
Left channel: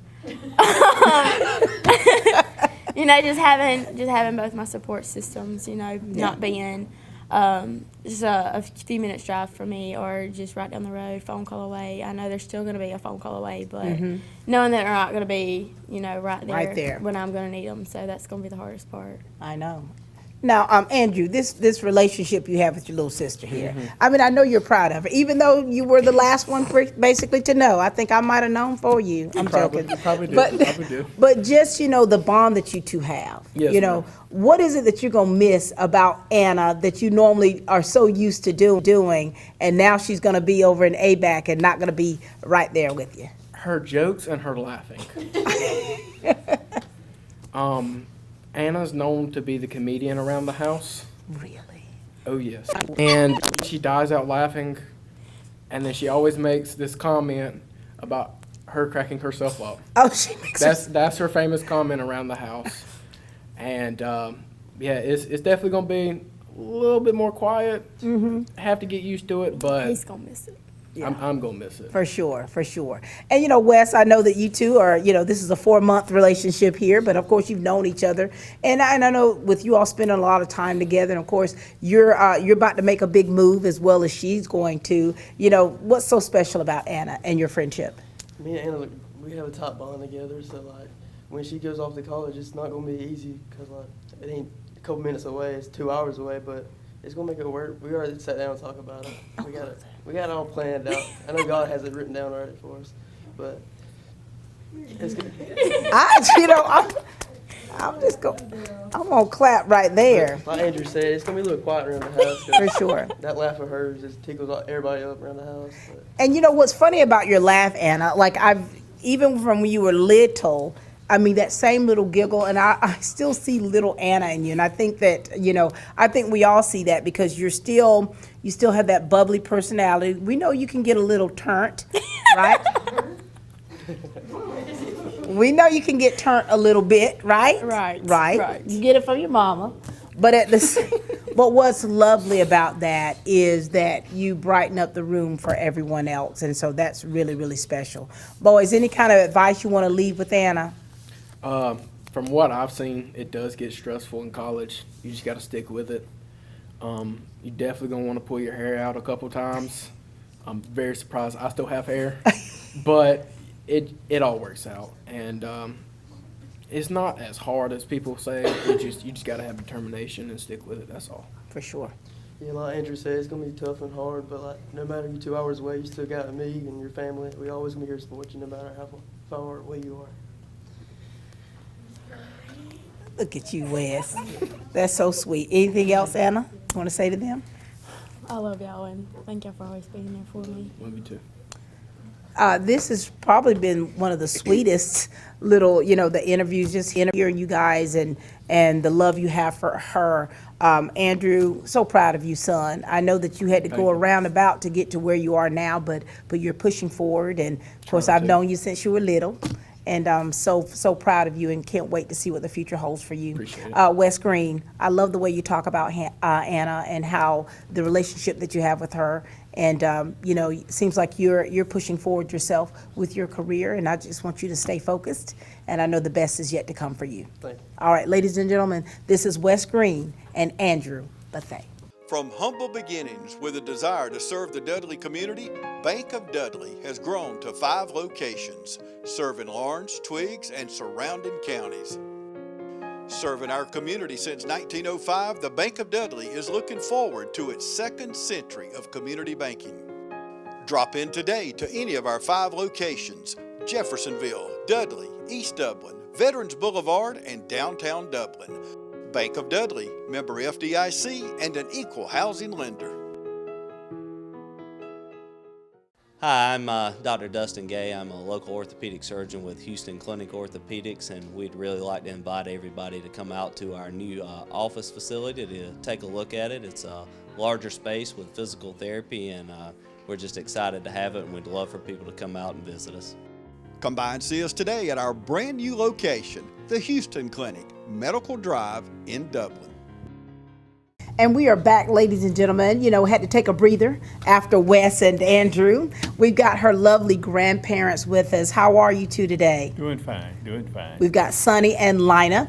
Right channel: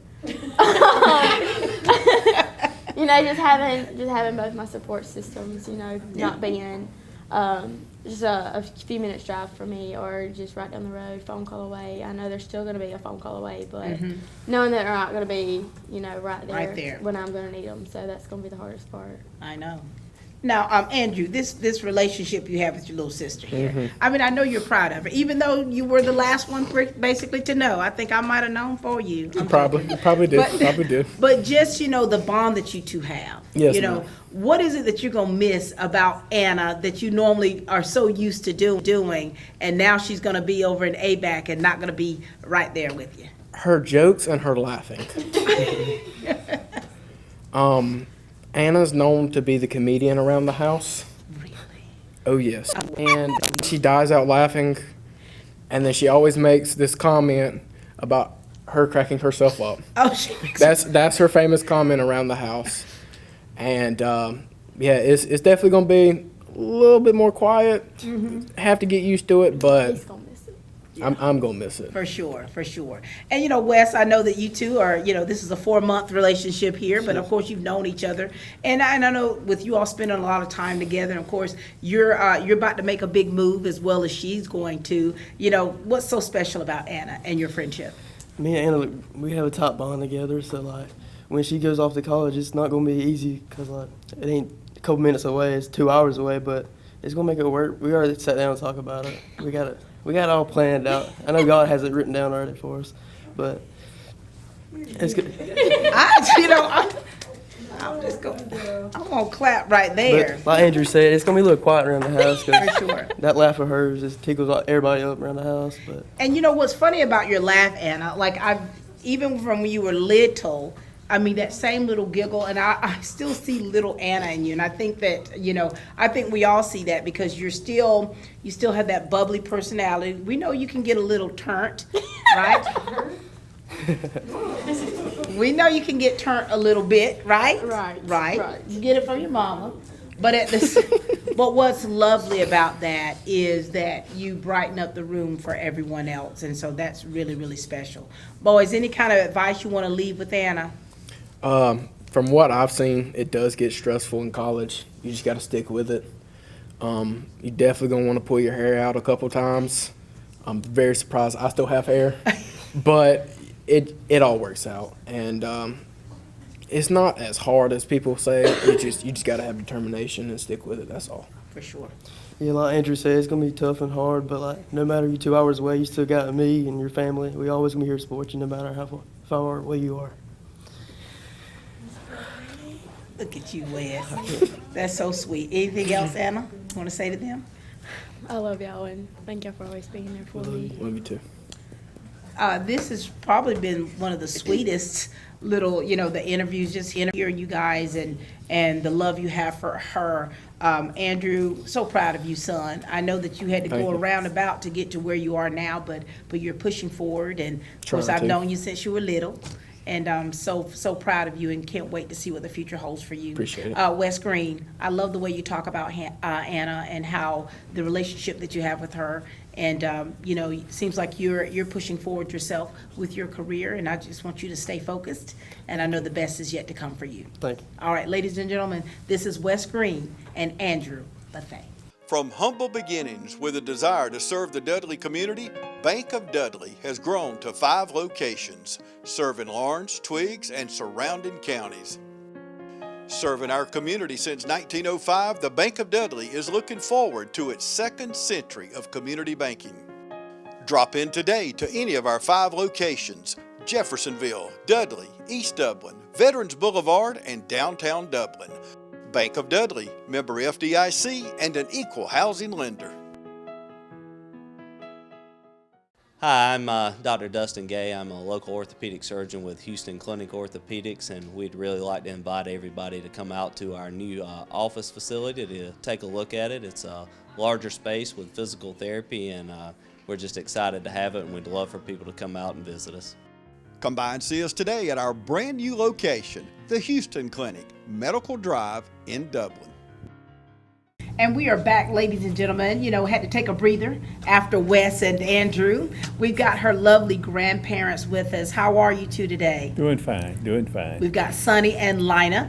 you know, just having both my support systems, you know, not being just a few minutes drive from me or just right down the road, phone call away. I know there's still going to be a phone call away, but knowing that they're not going to be, you know, right there when I'm going to need them. So that's going to be the hardest part. I know. Now, Andrew, this relationship you have with your little sister here, I mean, I know you're proud of her, even though you were the last one basically to know. I think I might have known for you. I'm Probably do. But just, you know, the bond that you two have, Yes, you know, ma'am. what is it that you're going to miss about Anna that you normally are so used to doing, and now she's going to be over in ABAC and not going to be right there with you? Her jokes and her laughing. Anna's known to be the comedian around the house. Really? Oh, yes. And she dies out laughing, and then she always makes this comment about her cracking herself up. Oh, she makes That's her famous comment around the house. And, yeah, it's definitely going to be a little bit more quiet. Have to get used to it, but He's going to miss it. I'm going to miss it. For sure, for sure. And, you know, Wes, I know that you two are, you know, this is a 4-month relationship here, but of course you've known each other. And I know with you all spending a lot of time together, and of course you're about to make a big move as well as she's going to. You know, what's so special about Anna and your friendship? Me and Anna, we have a top bond together, so like when she goes off to college, it's not gonna be easy because like it ain't a couple minutes away, it's 2 hours away, but it's gonna make it work. We already sat down and talked about it. We got it all planned out. I know God has it written down already for us, but it's good. I'm gonna clap right there. But like Andrew said, it's gonna be a little quiet around the house. 'Cause For sure. That laugh of hers just tickles everybody up around the house. But And you know what's funny about your laugh, Anna? Like even from when you were little, I mean, that same little giggle, and I still see little Anna in you. And I think that, I think we all see that because you still have that bubbly personality. We know you can get a little turnt, right? We know you can get turnt a little bit, right? Right. You get it from your mama. But but what's lovely about that is that you brighten up the room for everyone else. And so that's really, really special. Boys, any kind of advice you want to leave with Anna? From what I've seen, it does get stressful in college. You just got to stick with it. You definitely going to want to pull your hair out a couple times. I'm very surprised I still have hair. But it all works out. And it's not as hard as people say. You just got to have determination and stick with it. That's all. For sure. yeah, like Andrew said, it's gonna be tough and hard. But like, no matter you're 2 hours away, you still got me and your family. We always gonna be here to support you, no matter how far away you are. Look at you, Wes. That's so sweet. Anything else, Anna, you want to say to them? I love y'all and thank y'all for always being there for me. Love you too. This has probably been one of the sweetest little, the interviews, just hearing you guys and the love you have for her. Andrew, so proud of you, son. I know that you had to go around about to get to where you are now, but you're pushing forward. And of course, I've known you since you were little. And I'm so proud of you and can't wait to see what the future holds for you. Appreciate it. Wes Green, I love the way you talk about Anna and how the relationship that you have with her. And, it seems like you're pushing forward yourself with your career, and I just want you to stay focused, and I know the best is yet to come for you. Thank you. All right, ladies and gentlemen, this is Wes Green and Andrew Bethea. From humble beginnings with a desire to serve the Dudley community, Bank of Dudley has grown to 5 locations, serving Lawrence, Twiggs, and surrounding counties. Serving our community since 1905, the Bank of Dudley is looking forward to its 2nd century of community banking. Drop in today to any of our 5 locations: Jeffersonville, Dudley, East Dublin, Veterans Boulevard, and downtown Dublin. Bank of Dudley, member FDIC, and an equal housing lender. Hi, I'm Dr. Dustin Gay. I'm a local orthopedic surgeon with Houston Clinic Orthopedics, and we'd really like to invite everybody to come out to our new office facility to take a look at it. It's a larger space with physical therapy, and we're just excited to have it, and we'd love for people to come out and visit us. Come by and see us today at our brand new location, the Houston Clinic, Medical Drive in Dublin. And we are back, ladies and gentlemen. Had to take a breather after Wes and Andrew. We've got her lovely grandparents with us. How are you two today? Doing fine. We've got Sonny and Lina.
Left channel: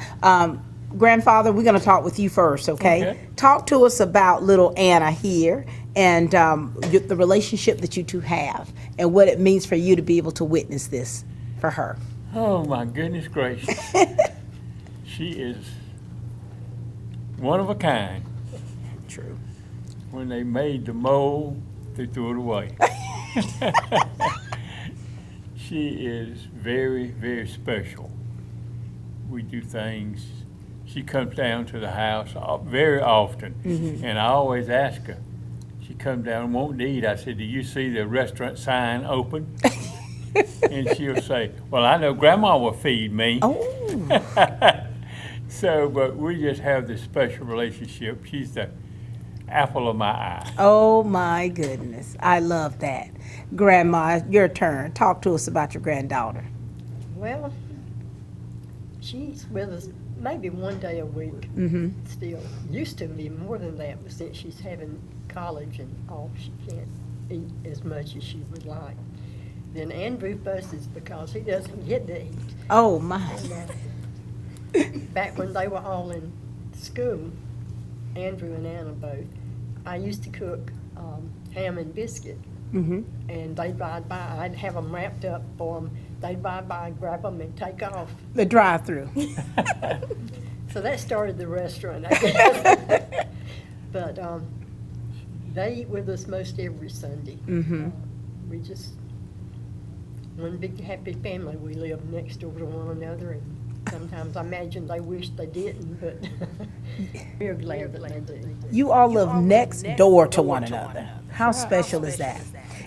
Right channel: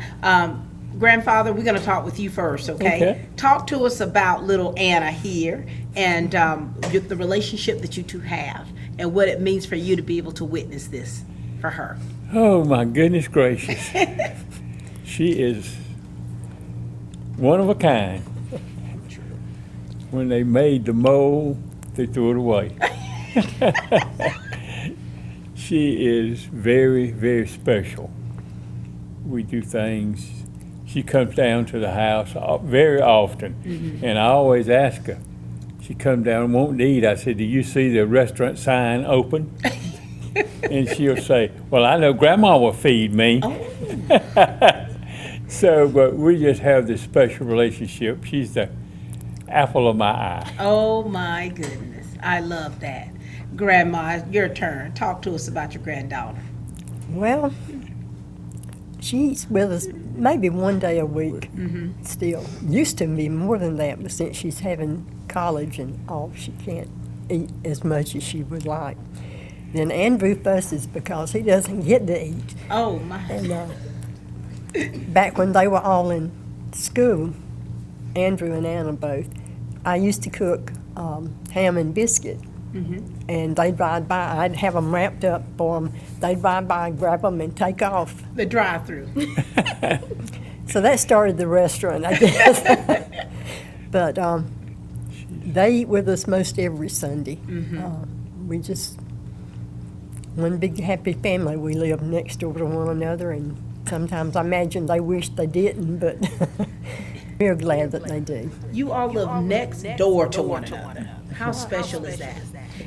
Grandfather, we're going to talk with you first, okay? Talk to us about little Anna here and the relationship that you two have and what it means for you to be able to witness this for her. Oh, my goodness gracious. She is one of a kind. True. When they made the mold, they threw it away. She is very, very special. We do things. She comes down to the house very often, and I always ask her. She comes down and won't eat. I said, "Do you see the restaurant sign open?" And she'll say, "Well, I know Grandma will feed me." Oh. So, but we just have this special relationship. She's the apple of my eye. Oh, my goodness. I love that. Grandma, your turn. Talk to us about your granddaughter. Well, she's with us maybe one day a week still. Used to be more than that, but since she's having college and all, she can't eat as much as she would like. Then Andrew fusses because he doesn't get to eat. Oh, my. And, back when they were all in school, Andrew and Anna both, I used to cook ham and biscuit. And they'd ride by. I'd have them wrapped up for them. They'd ride by, grab them, and take off. The drive-through. So that started the restaurant, I guess. But they eat with us most every Sunday. We just, one big happy family. We live next door to one another and Sometimes I imagine they wish they didn't, but we're glad that they do. You all live next door to one another. How special is that?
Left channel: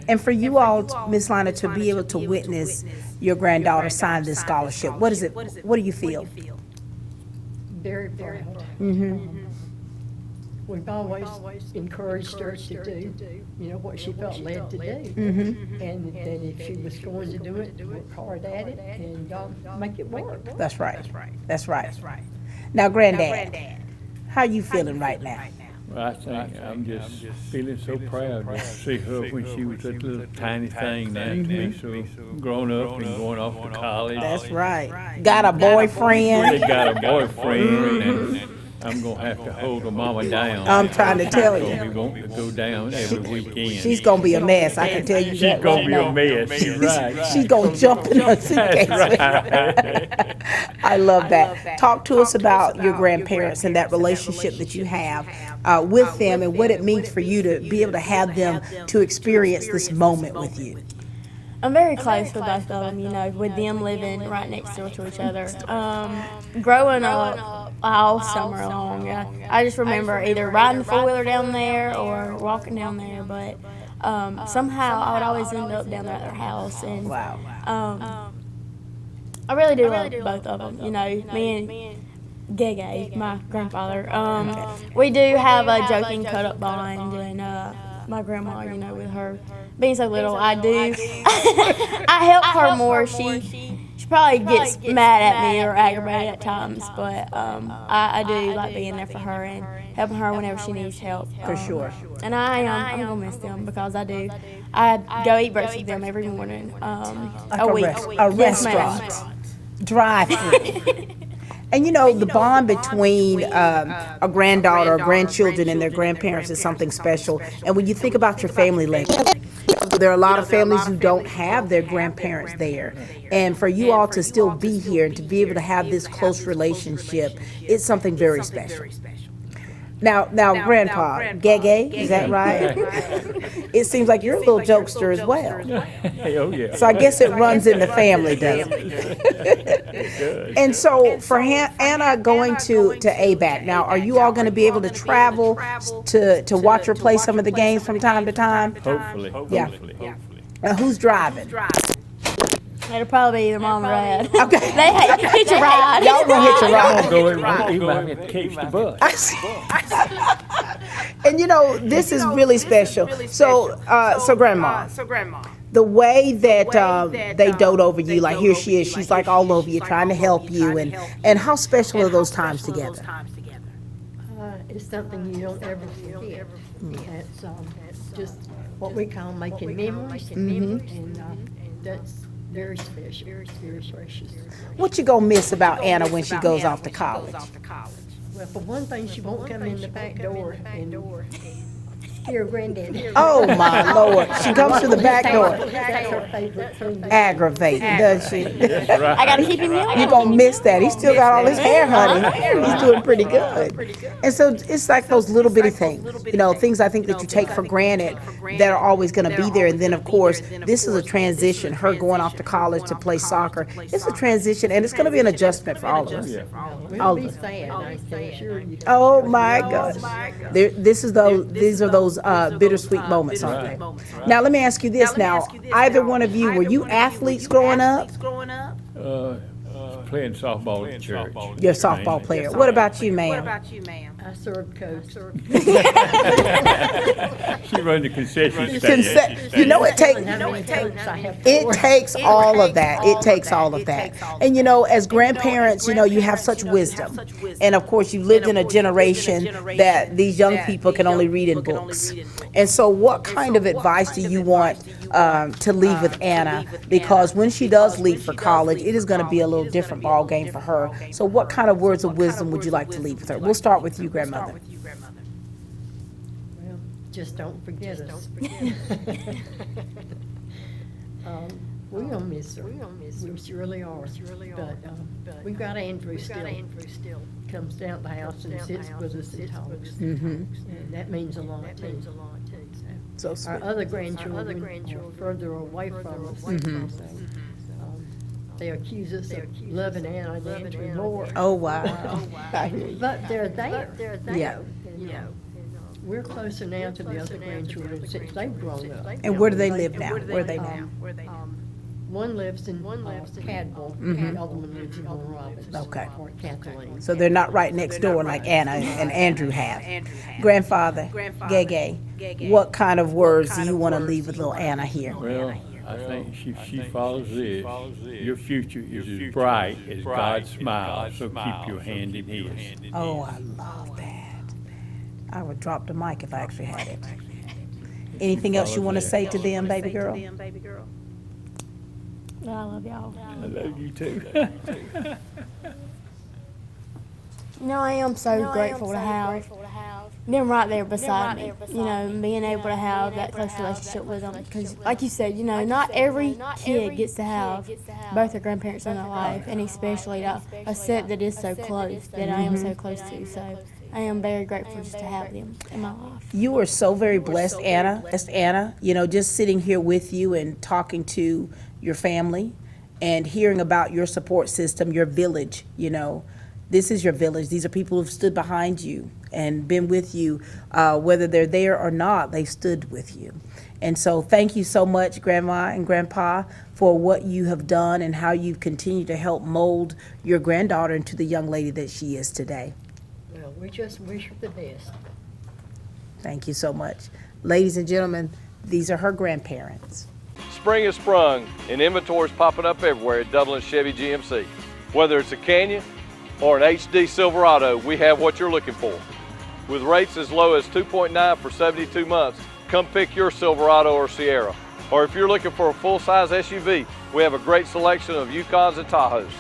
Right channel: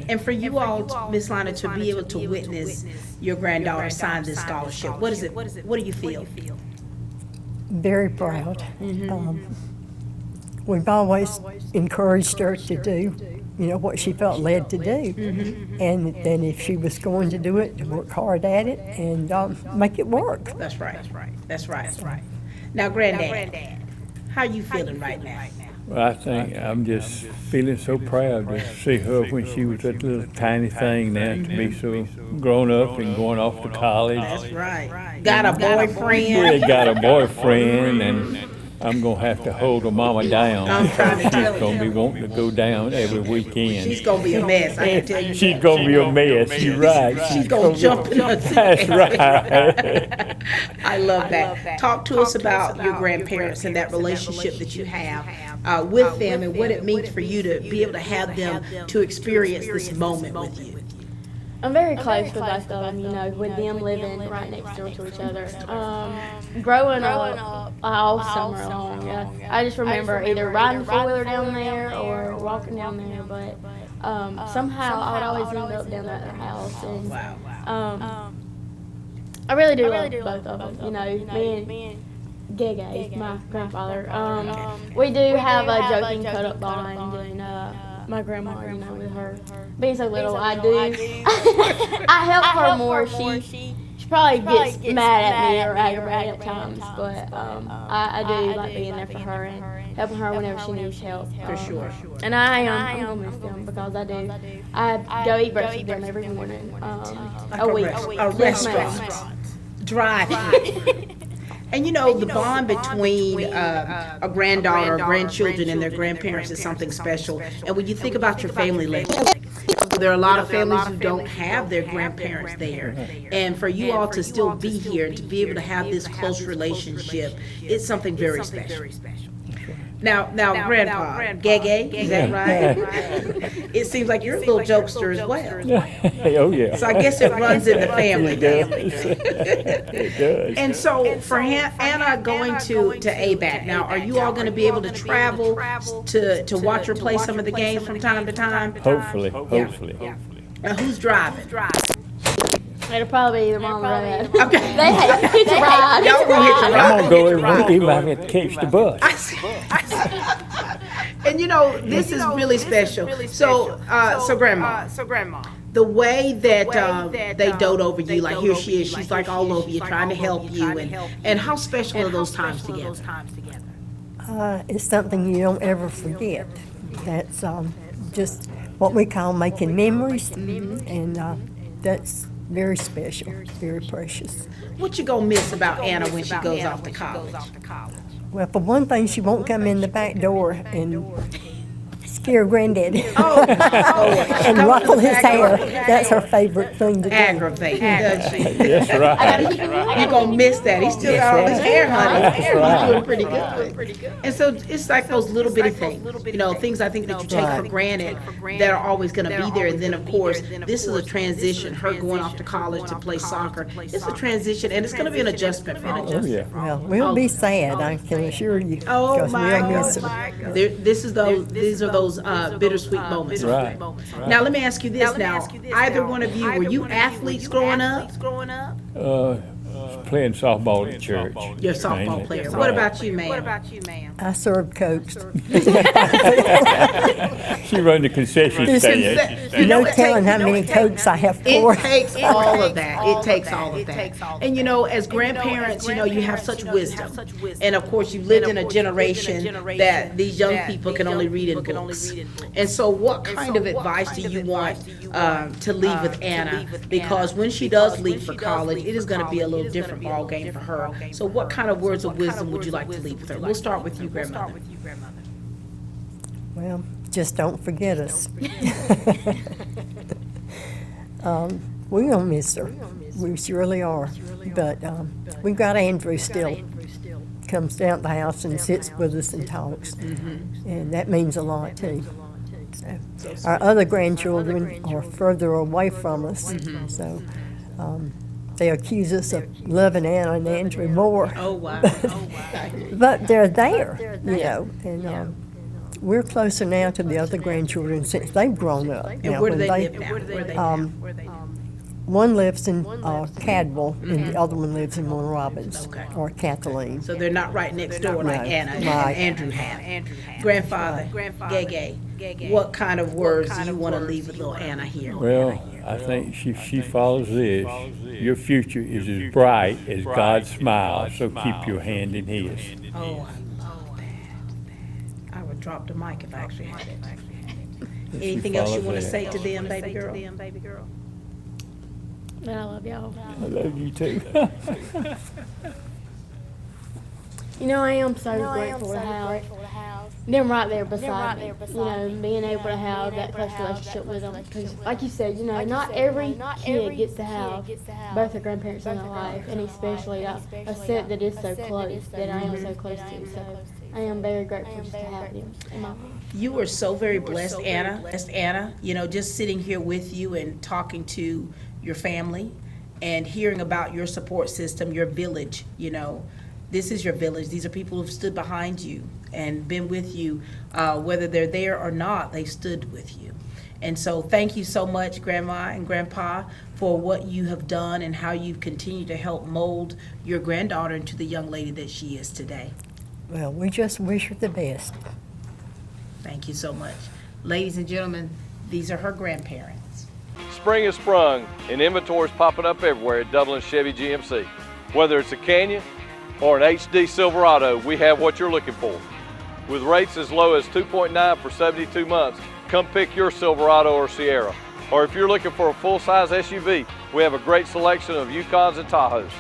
And for you all, Ms. Lina, to be able to witness your granddaughter sign this scholarship, what is it? What do you feel? Very proud. We've always encouraged her to do, what she felt led to do. And then if she was going to do it, to work hard at it and make it work. That's right. That's right. Now, Granddad, how are you feeling right now? Well, I think I'm just feeling so proud to see her when she was that little tiny thing now to be so grown up and going off to college. That's right. Got a boyfriend. Really got a boyfriend, and I'm gonna have to hold her mama down. I'm trying to tell you. She's gonna be wanting to go down every weekend. She's gonna be a mess, I can tell you that. She's gonna be a mess, you're right. She's gonna jump in her suitcase. Right. I love that. Talk to us about your grandparents and that relationship that you have with them and what it means for you to be able to have them to experience this moment with you. I'm very close with both of them, with them living right next door to each other. Growing up all summer long, I just remember either riding four-wheeler down there or walking down there, but somehow I'd always end up down at their house. And I really do love both of them, me and Gege, my grandfather. We do have a joking cut-up bond, and my grandma, with her being so little, I help her more. She probably gets mad at me or aggravated at times, but I do like being there for her and helping her whenever she needs help. For sure. And I'm gonna miss them because I do. I go eat breakfast with them every morning, a week. A restaurant. Drive-through. And the bond between a granddaughter or grandchildren and their grandparents is something special. And when you think about your family legacy, there are a lot of families who don't have their grandparents there. And for you all to still be here and to be able to have this close relationship, it's something very special. Now, Grandpa, Gege, is that right? It seems like you're a little jokester as well. Oh, yeah. So I guess it runs in the family, then. It does. And so for Anna going to ABAC, now, are you all going to be able to travel to watch her play some of the games from time to time? Hopefully. Now, who's driving? It'll probably be either mom or dad. Okay. They hitch a ride. Y'all gonna hitch a ride. You might have to catch the bus. And this is really special. So Grandma, the way that they dote over you, like here she is, she's like all over you, trying to help you, and how special are those times together? It's something you don't ever forget. That's just what we call making memories, and that's very special, very precious. What you gonna miss about Anna when she goes off to college? Well, for one thing, she won't come in the back door and scare Granddaddy. Oh, my Lord. She comes to the back door. That's her favorite thing to do. Aggravating, does she? That's right. I gotta keep him right. You're gonna miss that. He's still got all his hair, honey. He's doing pretty good. And so it's like those little bitty things, things I think that you take for granted that are always gonna be there. And then, of course, this is a transition. Her going off to college to play soccer. It's a transition, and it's gonna be an adjustment for all of us. Well, we'll be sad, I can assure you. Oh, 'cause my we'll miss God. her. These are those bittersweet moments. Right. Now, let me ask you this now. Either one of you, were you athletes growing up? Playing softball at church. You're a softball player. What about you, ma'am? I served coach. She run the concession stand. You know, No telling how many coats I have It for. takes all of that. It takes all of that. And as grandparents, you have such wisdom. And of course, you lived in a generation that these young people can only read in books. And so what kind of advice do you want to leave with Anna? Because when she does leave for college, it is going to be a little different ball game for her. So what kind of words of wisdom would you like to leave with her? We'll start with you, Grandmother. Well, just don't forget us. We're going to miss her. We surely are. But we've got Andrew still. Comes down to the house and sits with us and talks. And that means a lot, too. So, our other grandchildren are further away from us. So They accuse us of loving Anna and Andrew more. Oh, wow. But they're there, you know, and we're closer now to the other grandchildren since they've grown up. And where do they live now? Where do they now? One lives in Cadwell, and the other one lives in Warren Robins, or Kathleen. So they're not right next door like Anna and Andrew have. Grandfather, Gege, what kind of words do you want to leave with little Anna here? Well, I think if she follows this, your future is as bright as God's smile, so keep your hand in His. Oh, I love that. I would drop the mic if I actually had it. Anything else you want to say to them, baby girl? I love y'all. I love you too. You know, I am so grateful to have them right there beside me. You know, being able to have that close relationship with them. Because, like you said, you know, not every kid gets to have both their grandparents in their life, and especially a set that is so close, that I am so close to. So I am very grateful just to have them in my life. You are so very blessed, Anna. You know, just sitting here with you and talking to your family and hearing about your support system, your village, you know. This is your village. These are people who've stood behind you and been with you. Whether they're there or not, they've stood with you. And so thank you so much, Grandma and Grandpa, for what you have done and how you've continued to help mold your granddaughter into the young lady that she is today. Well, we just wish her the best. Thank you so much. Ladies and gentlemen, these are her grandparents. Spring has sprung and inventory's popping up everywhere at Dublin Chevy GMC. Whether it's a Canyon or an HD Silverado, we have what you're looking for. With rates as low as 2.9 for 72 months, come pick your Silverado or Sierra. Or if you're looking for a full-size SUV, we have a great selection of Yukons and Tahoes.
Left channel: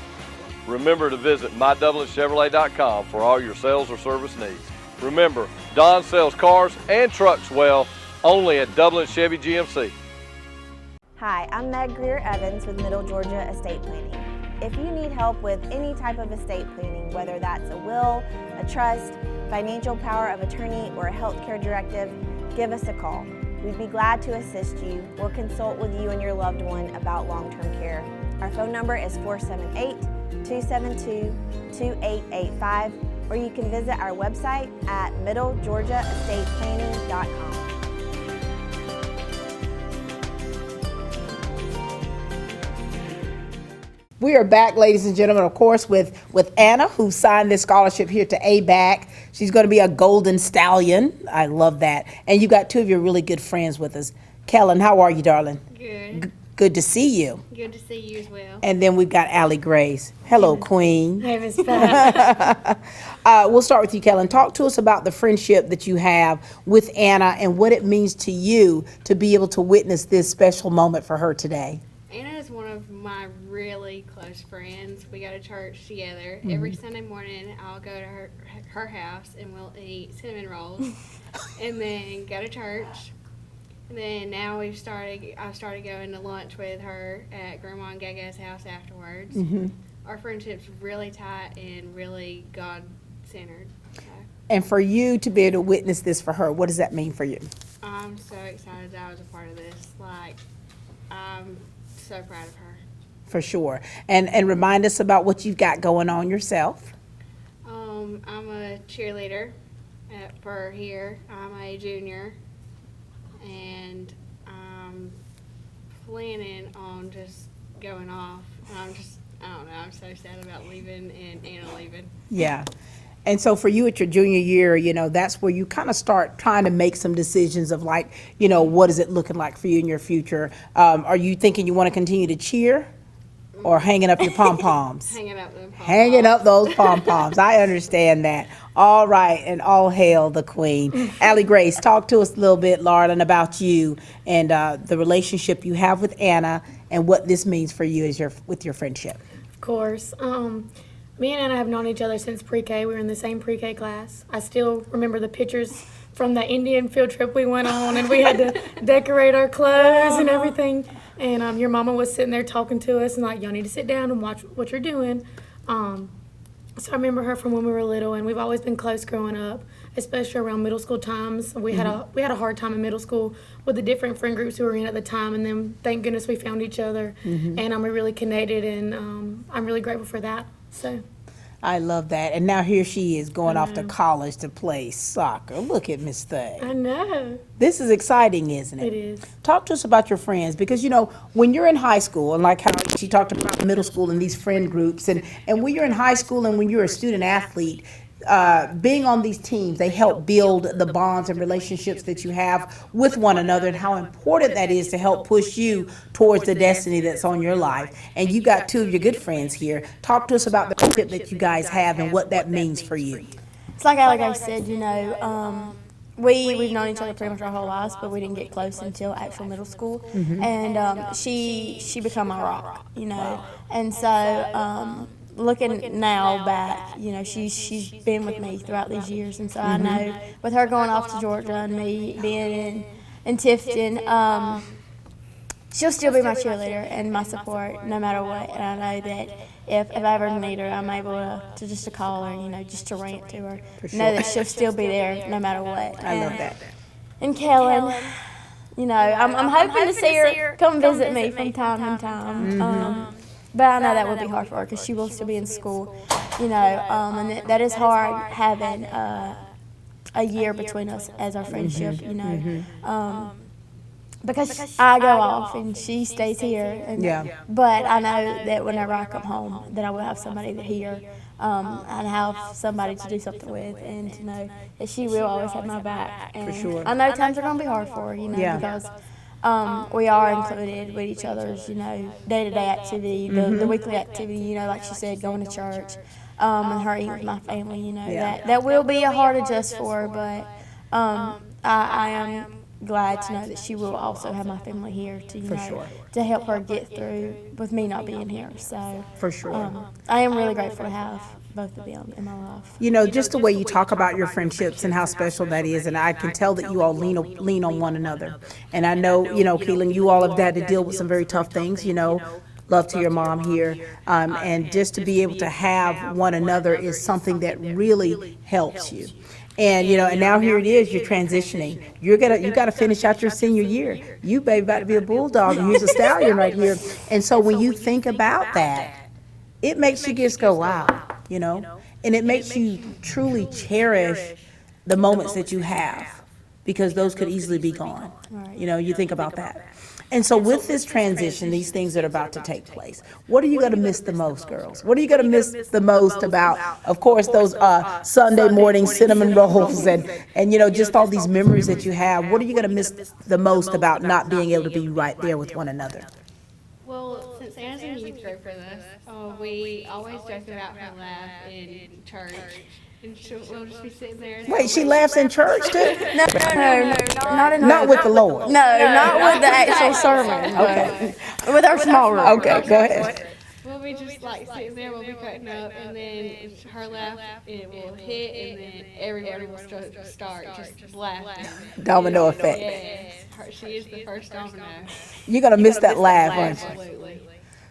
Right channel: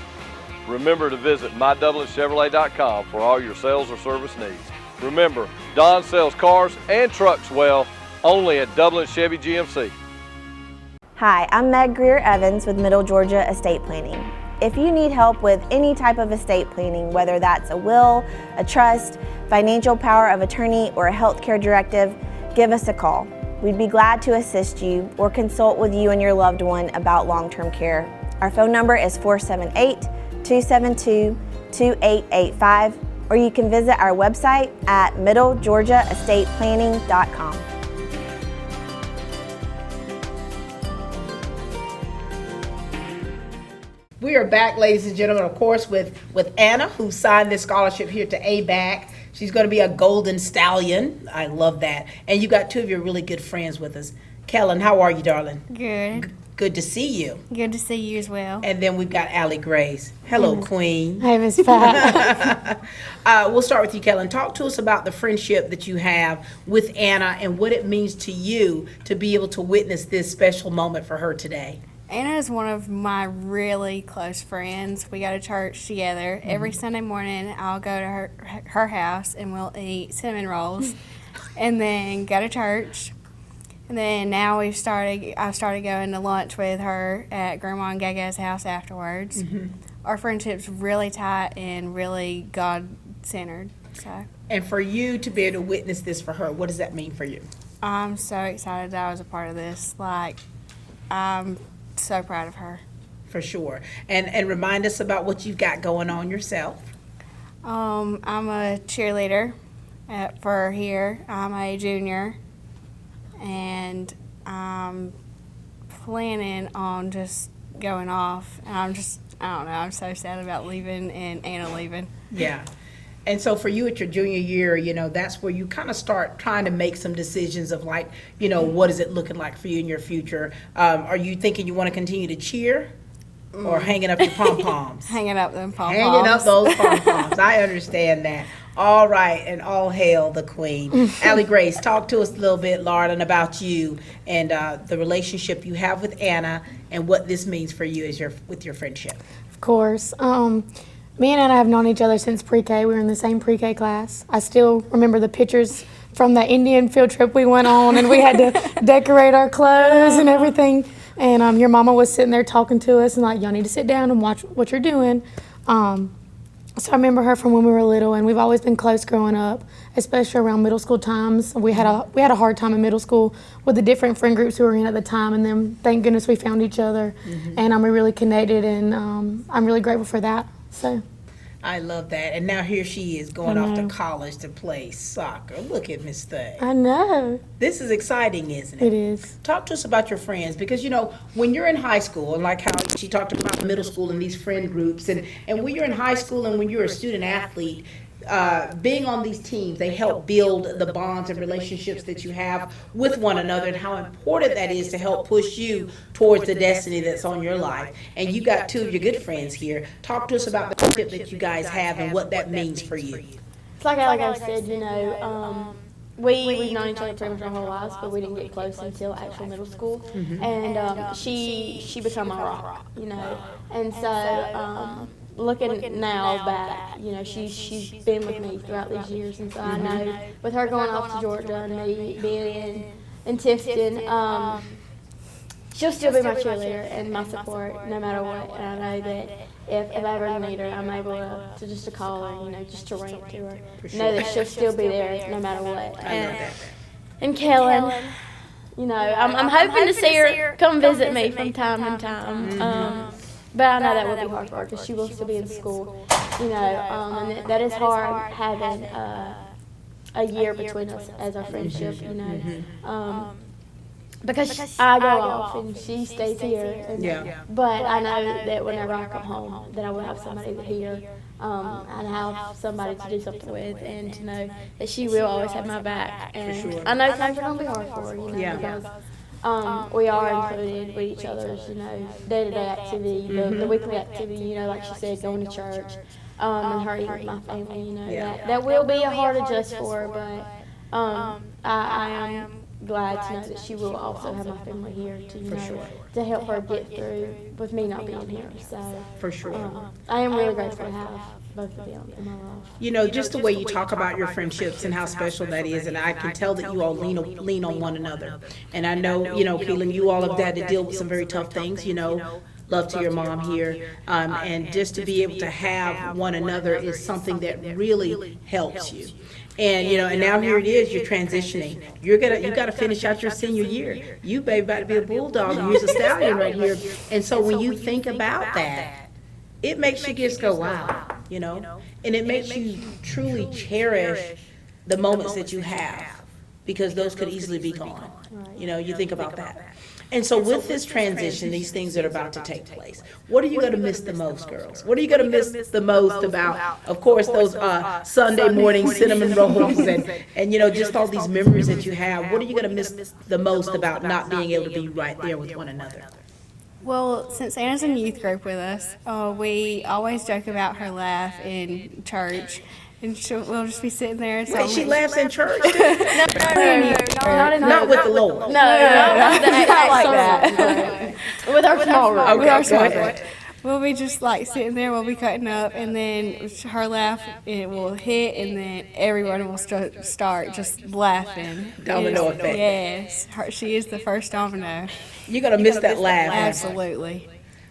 Remember to visit MyDublinChevrolet.com for all your sales or service needs. Remember, Don sells cars and trucks well, only at Dublin Chevy GMC. Hi, I'm Meg Greer-Evans with Middle Georgia Estate Planning. If you need help with any type of estate planning, whether that's a will, a trust, financial power of attorney, or a healthcare directive, give us a call. We'd be glad to assist you or consult with you and your loved one about long-term care. Our phone number is 478-272-2885, or you can visit our website at middlegeorgiaestateplanning.com. We are back, ladies and gentlemen, of course, with Anna, who signed this scholarship here to ABAC. She's going to be a golden stallion. I love that. And you got two of your really good friends with us. Kellen, how are you, darling? Good. Good to see you. Good to see you as well. And then we've got Allie Grace. Hello, Queen. Hey, Miss Pat. We'll start with you, Kellen. Talk to us about the friendship that you have with Anna and what it means to you to be able to witness this special moment for her today. Anna is one of my really close friends. We go to church together. Every Sunday morning, I'll go to her house and we'll eat cinnamon rolls and then go to church. And then now I've started going to lunch with her at Grandma and Gege's house afterwards. Our friendship's really tight and really God-centered. So. And for you to be able to witness this for her, what does that mean for you? I'm so excited that I was a part of this. I'm so proud of her. For sure. And remind us about what you've got going on yourself. I'm a cheerleader for here. I'm a junior, and I'm planning on just going off. And I don't know, I'm so sad about leaving and Anna leaving. Yeah. And so for you at your junior year, you know, that's where you kind of start trying to make some decisions of like, you know, what is it looking like for you in your future? Are you thinking you want to continue to cheer or hanging up your pom-poms? Hanging up them pom-poms. Hanging up those pom-poms. I understand that. All right, and all hail the queen. Allie Grace, talk to us a little bit, Lauren, about you and the relationship you have with Anna and what this means for you as with your friendship. Of course. Me and Anna have known each other since pre-K. We were in the same pre-K class. I still remember the pictures from the Indian field trip we went on, and we had to decorate our clothes and everything. And your mama was sitting there talking to us and like, y'all need to sit down and watch what you're doing. So I remember her from when we were little, and we've always been close growing up, especially around middle school times. We had a hard time in middle school with the different friend groups we were in at the time, and then thank goodness we found each other, and we're really connected, and I'm really grateful for that. So. I love that. And now here she is going off to college to play soccer. Look at Miss Thay. I know. This is exciting, isn't it? It is. Talk to us about your friends, because, you know, when you're in high school, and like how she talked about middle school and these friend groups, and when you're in high school and when you're a student athlete, being on these teams, they help build the bonds and relationships that you have with one another, and how important that is to help push you towards the destiny that's on your life. And you got two of your good friends here. Talk to us about the friendship that you guys have and what that means for you. It's like I said, you know, we've known each other pretty much our whole lives, but we didn't get close until actual middle school. And she became my rock, you know. And so looking now back, you know, she's been with me throughout these years, and so I know with her going off to Georgia and me being in Tifton, she'll still be my cheerleader and my support no matter what. And I know that if I ever need her, I'm able to just to call her, you know, just to rant to her. Know that she'll still be there no matter what. I love that. And Kellen, you know, I'm hoping to see her come visit me from time to time. But I know that would be hard for her because she will still be in school, you know, and that is hard having a year between us as our friendship, you know. Because I go off and she stays here. And, but I know that whenever I come home, that I will have somebody here and have somebody to do something with, and to know that she will always have my back. And I know times are going to be hard for her, you know, because we are included with each other's, you know, day-to-day activity, the weekly activity, you know, like she said, going to church, and her eating with my family, you know, that will be a hard adjust for her, but I am glad to know that she will also have my family here to, you know, to help her get through with me not being here. So For sure. I am really grateful to have both of them in my life. You know, just the way you talk about your friendships and how special that is, and I can tell that you all lean on one another. And I know, you know, Keelan, you all have had to deal with some very tough things, you know. Love to your mom here. And just to be able to have one another is something that really helps you. And you know, and now here it is, you're transitioning. You gotta finish out your senior year. You baby about to be a bulldog, you're a stallion right here. And so when you think about that, it makes you just go, wow, you know, and it makes you truly cherish the moments that you have, because those could easily be gone. You know, you think about that. And so with this transition, these things that are about to take place, what are you going to miss the most, girls? What are you going to miss the most about, of course, those Sunday morning cinnamon rolls and, you know, just all these memories that you have? What are you going to miss the most about not being able to be right there with one another? Well, since Anna's in youth group with us, we always joke about her laugh in church. And we'll just be sitting there. And Wait, she laughs in church? No, not with the Lord. No, not the actual song. With our small Okay. We'll be just like sitting there, we'll be cutting up, and then her laugh, it will hit, and then everyone will start just laughing. Domino effect. Yes, she is the first domino. You're going to miss that laugh. Absolutely.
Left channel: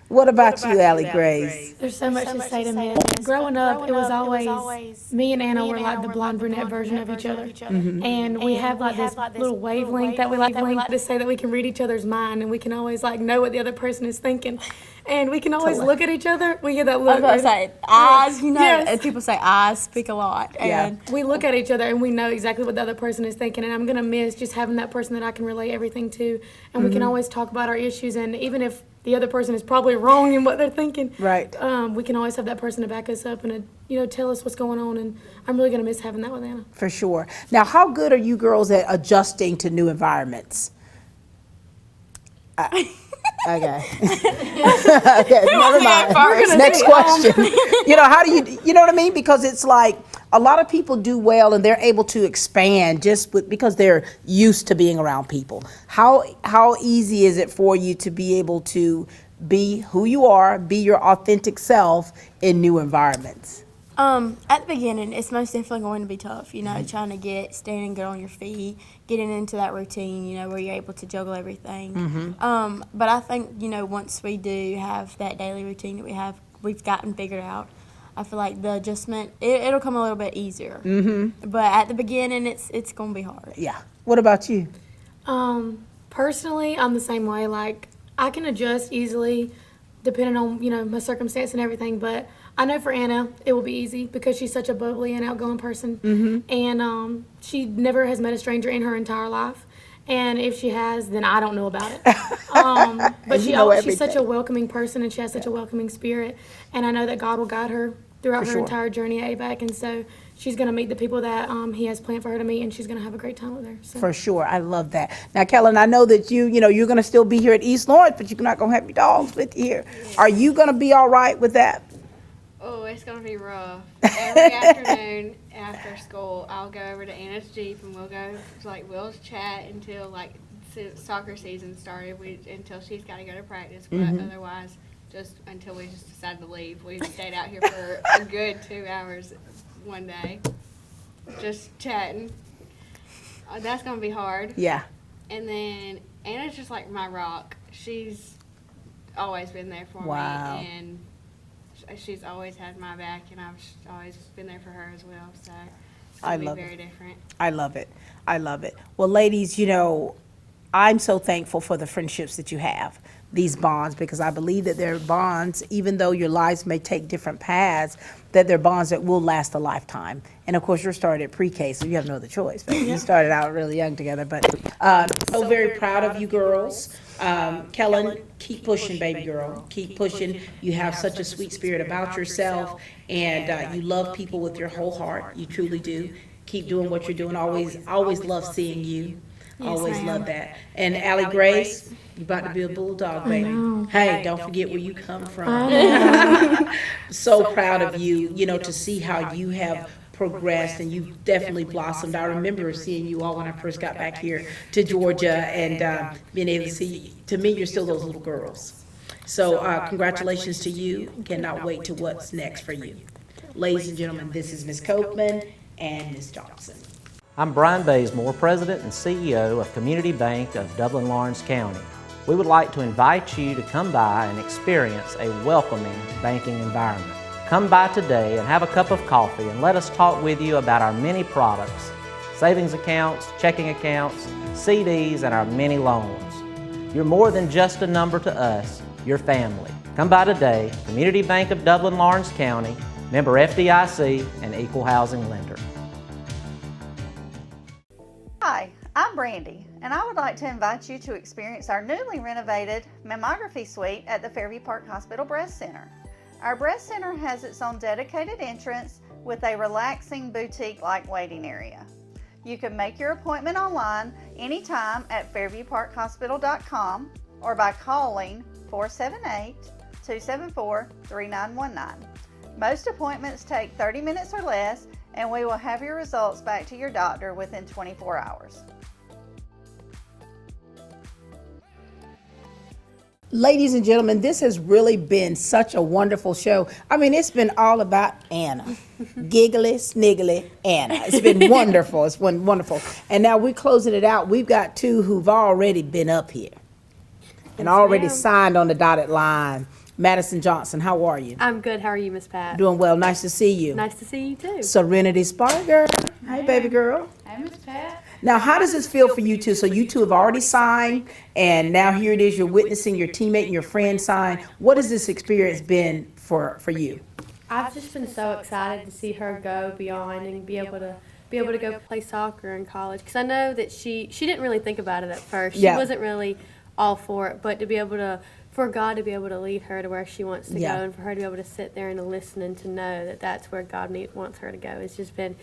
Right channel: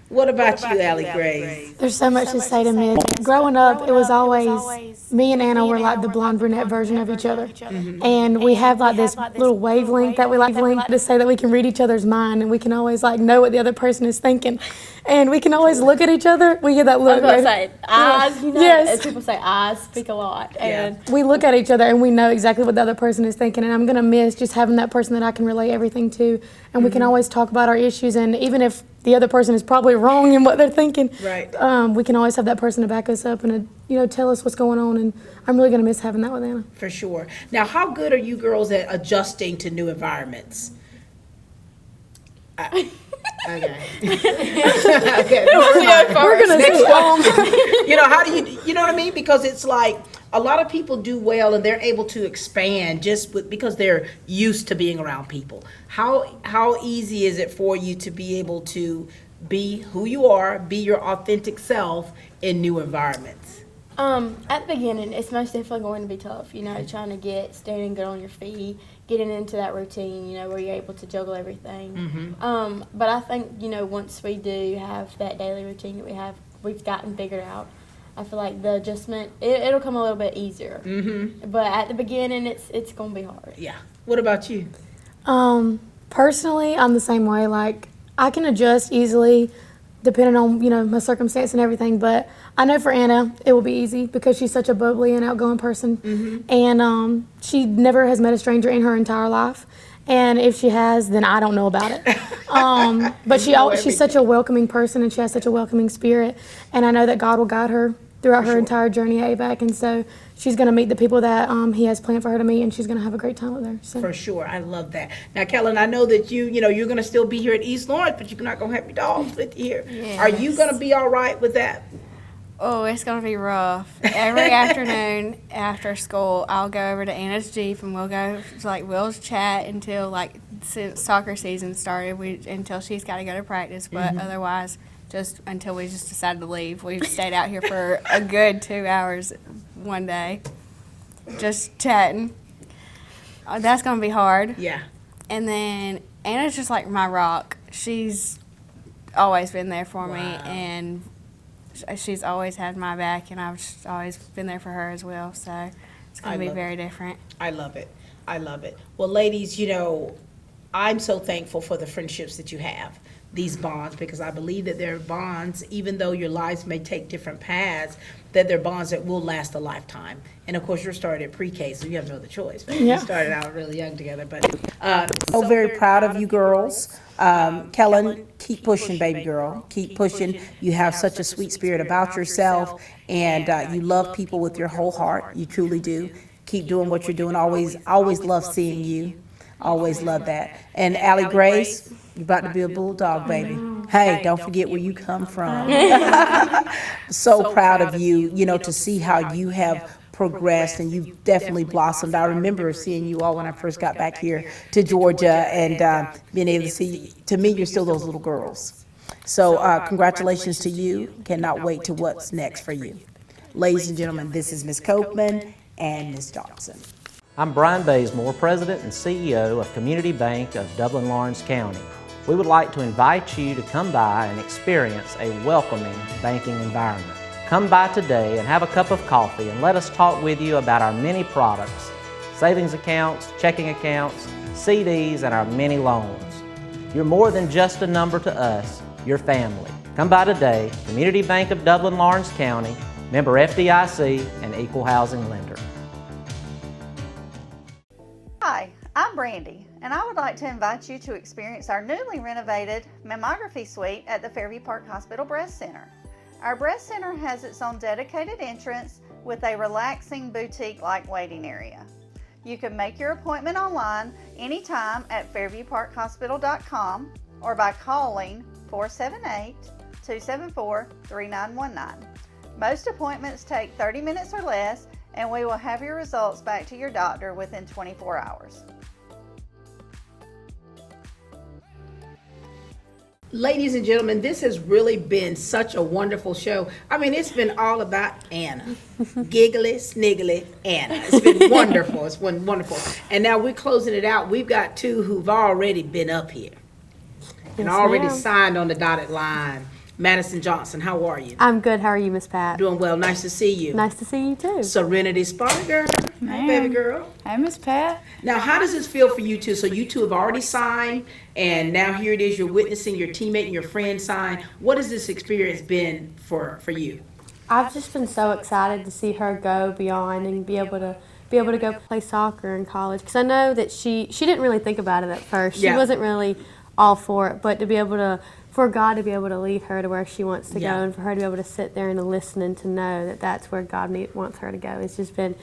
What about you, Allie Grace? There's so much to say to me. Growing up, it was always, me and Anna were like the blonde brunette version of each other. And we have like this little wavelength that we like to say that we can read each other's mind, and we can always like know what the other person is thinking. And we can always look at each other. We get that look. I was going to say, eyes, you know, and people say eyes speak a lot. And we look at each other and we know exactly what the other person is thinking. And I'm going to miss just having that person that I can relay everything to. And we can always talk about our issues. And even if the other person is probably wrong in what they're thinking, we can always have that person to back us up and, you know, tell us what's going on. And I'm really going to miss having that with Anna. For sure. Now, how good are you girls at adjusting to new environments? Okay. Okay. Never mind. Next question. You know, how do you know what I mean? Because it's like a lot of people do well and they're able to expand because they're used to being around people. How easy is it for you to be able to be who you are, be your authentic self in new environments? At the beginning, it's most definitely going to be tough, you know, trying to standing good on your feet, getting into that routine, you know, where you're able to juggle everything. But I think, you know, once we do have that daily routine that we've gotten figured out, I feel like the adjustment, it'll come a little bit easier. Mm-hmm. But at the beginning, it's going to be hard. Yeah. What about you? Personally, I'm the same way. Like, I can adjust easily depending on, my circumstance and everything. But I know for Anna, it will be easy because she's such a bubbly and outgoing person. Mm-hmm. And she never has met a stranger in her entire life. And if she has, then I don't know about it. But she's such a welcoming person, and she has such a welcoming spirit. And I know that God will guide her throughout her entire journey at ABAC. And so she's going to meet the people that He has planned for her to meet, and she's going to have a great time with her. So. For sure. I love that. Now, Kellen, I know that you're going to still be here at East Lawrence, but you're not going to have your dogs with you here. Yes. Are you going to be all right with that? Oh, it's going to be rough. Every afternoon after school, I'll go over to Anna's Jeep and we'll chat until soccer season started, until she's got to go to practice. But otherwise, just until we just decided to leave. We stayed out here for a good 2 hours one day, just chatting. That's going to be hard. Yeah. And then Anna's just like my rock. She's always been there for me, and she's always had my back, and I've just always been there for her as well. So it's going to be very different. I love it. I love it. Well, ladies, I'm so thankful for the friendships that you have, these bonds, because I believe that they're bonds, even though your lives may take different paths, that they're bonds that will last a lifetime. And of course, you're started at pre-K, so you have no other choice. But you started out really young together. But so very proud of you girls. Kellen, keep pushing, baby girl. Keep pushing. You have such a sweet spirit about yourself, and you love people with your whole heart. You truly do. Keep doing what you're doing. Always love seeing you. Always love that. And Allie Grace, you're about to be a bulldog, baby. Hey, don't forget where you come from. So proud of you, to see how you have progressed, and you've definitely blossomed. I remember seeing you all when I first got back here to Georgia, and being able to see, to me, you're still those little girls. So congratulations to you. Cannot wait to what's next for you. Ladies and gentlemen, this is Ms. Copeman and Ms. Johnson. I'm Brian Bazemore, President and CEO of Community Bank of Dublin-Lawrence County. We would like to invite you to come by and experience a welcoming banking environment. Come by today and have a cup of coffee, and let us talk with you about our many products, savings accounts, checking accounts, CDs, and our many loans. You're more than just a number to us, you're family. Come by today, Community Bank of Dublin-Lawrence County, member FDIC, and equal housing lender. Hi, I'm Brandy, and I would like to invite you to experience our newly renovated mammography suite at the Fairview Park Hospital Breast Center. Our breast center has its own dedicated entrance with a relaxing boutique-like waiting area. You can make your appointment online anytime at fairviewparkhospital.com or by calling 478-274-3919. Most appointments take 30 minutes or less, and we will have your results back to your doctor within 24 hours. Ladies and gentlemen, this has really been such a wonderful show. I mean, it's been all about Anna. Giggly, sniggly Anna. It's been wonderful. It's been wonderful. And now we're closing it out. We've got two who've already been up here and already signed on the dotted line. Madison Johnson, how are you? I'm good. How are you, Miss Pat? Doing well. Nice to see you. Nice to see you, too. Serenity Spark Girl. Hey, baby girl. Hey, Miss Pat. Now, how does this feel for you two? So you two have already signed, and now here it is, you're witnessing your teammate and your friend sign. What has this experience been for you? I've just been so excited to see her go beyond and be able to go play soccer in college, because I know that she didn't really think about it at first. She wasn't really all for it, but to be able to, for God to be able to lead her to where she wants to go, and for her to be able to sit there and to listen and to know that that's where God wants her to go. It's just been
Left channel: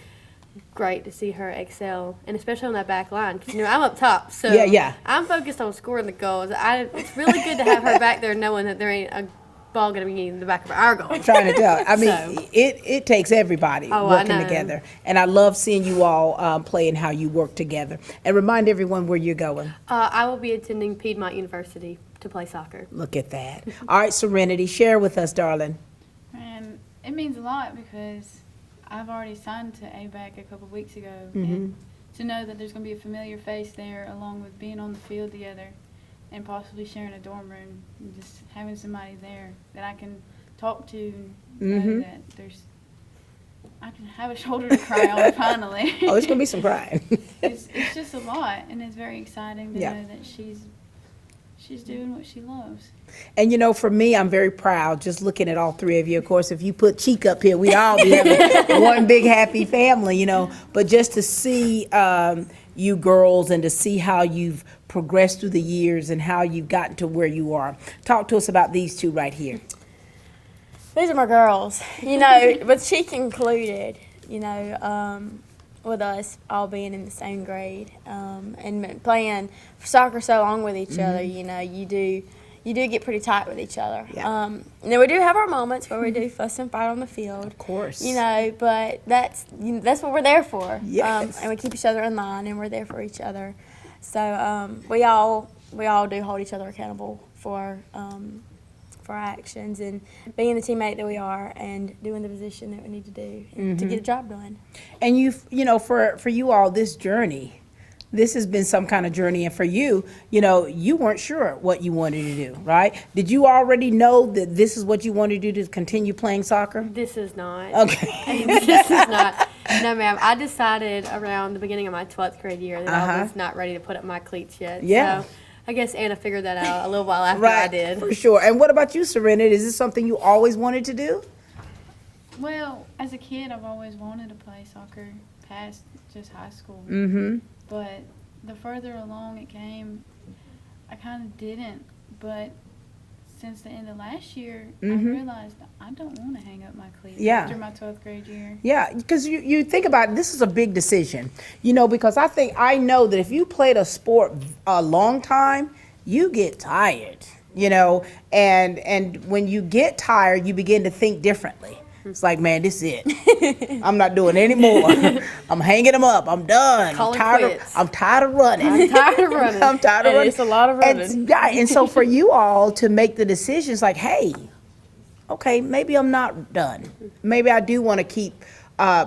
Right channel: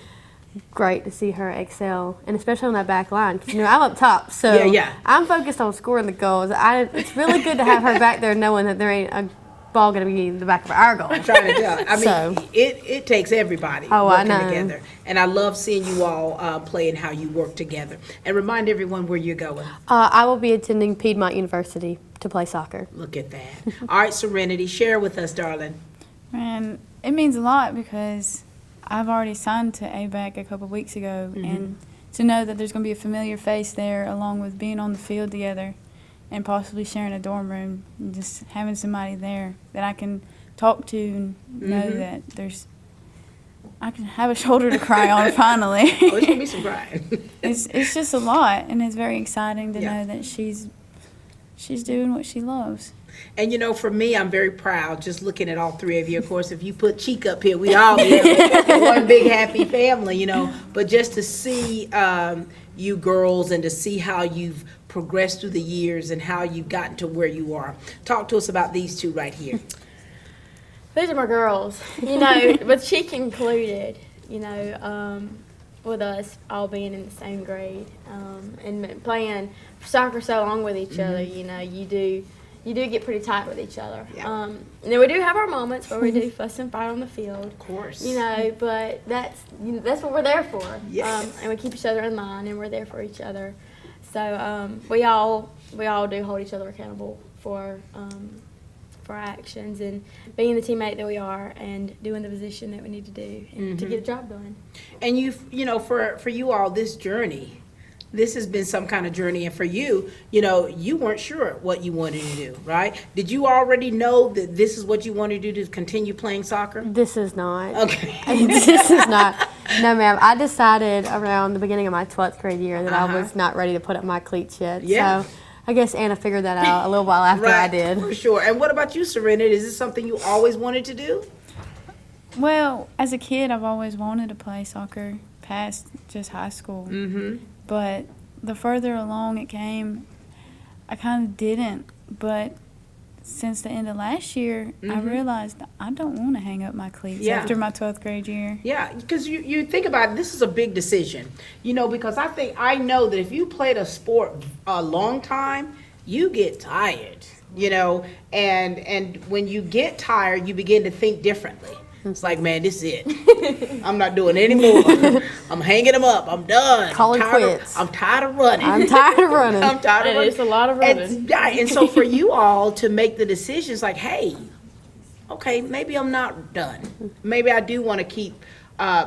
great to see her excel, and especially on that back line. 'Cause, I'm up top, so I'm focused on scoring the goals. It's really good to have her back there knowing that there ain't a ball going to be in the back of our goal. Trying to go. I mean, it takes everybody working together. And I love seeing you all play and how you work together. And remind everyone where you're going. I will be attending Piedmont University to play soccer. Look at that. All right, Serenity, share with us, darling. Man, it means a lot because I've already signed to ABAC a couple weeks ago, and to know that there's going to be a familiar face there, along with being on the field together and possibly sharing a dorm room, and just having somebody there that I can talk to and know that I can have a shoulder to cry on finally. Oh, it's gonna be some crying. It's just a lot, and it's very exciting to know that she's doing what she loves. And you know, for me, I'm very proud just looking at all three of you. Of course, if you put Cheek up here, we all be having one big happy family, you know. But just to see you girls and to see how you've progressed through the years and how you've gotten to where you are. Talk to us about these two right here. These are my girls, you know, but Cheek included, you know, with us all being in the same grade and playing soccer so long with each other, you know, you do get pretty tight with each other. Yeah. Now we do have our moments where we do fuss and fight on the field. Of course. You know, but that's what we're there for. Yes. And we keep each other in line, and we're there for each other. So we all do hold each other accountable for our actions and being the teammate that we are and doing the position that we need to do to get the job done. And you know, for you all, this journey, this has been some kind of journey. And for you, you know, you weren't sure what you wanted to do, right? Did you already know that this is what you wanted to do to continue playing soccer? This is not. Okay. This is not. No, ma'am. I decided around the beginning of my 12th grade year that I was not ready to put up my cleats yet. Yeah. So I guess Anna figured that out a little while after I did. For sure. And what about you, Serenity? Is this something you always wanted to do? Well, as a kid, I've always wanted to play soccer past just high school. But the further along it came, I kind of didn't. But since the end of last year, I realized I don't want to hang up my cleats after my 12th grade year. Yeah, because you think about it, this is a big decision, you know, because I know that if you played a sport a long time, you get tired, you know, and when you get tired, you begin to think differently. It's like, man, this is it. I'm not doing any more. I'm hanging them up. I'm done. Calling quits. I'm tired of running. I'm tired of running. I'm tired of running. It's a lot of running. And so for you all to make the decisions like, hey, okay, maybe I'm not done. Maybe I do want to keep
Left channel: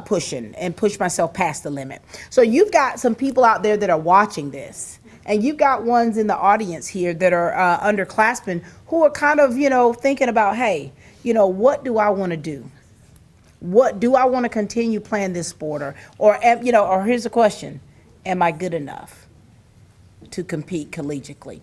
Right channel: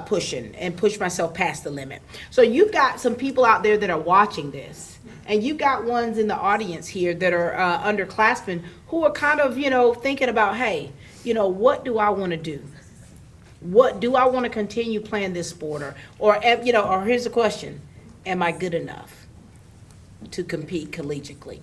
pushing and push myself past the limit. So you've got some people out there that are watching this. And you've got ones in the audience here that are underclassmen who are kind of, you know, thinking about, hey, you know, what do I want to do? What do I want to continue playing this sport? Or you know, or here's the question, am I good enough to compete collegiately?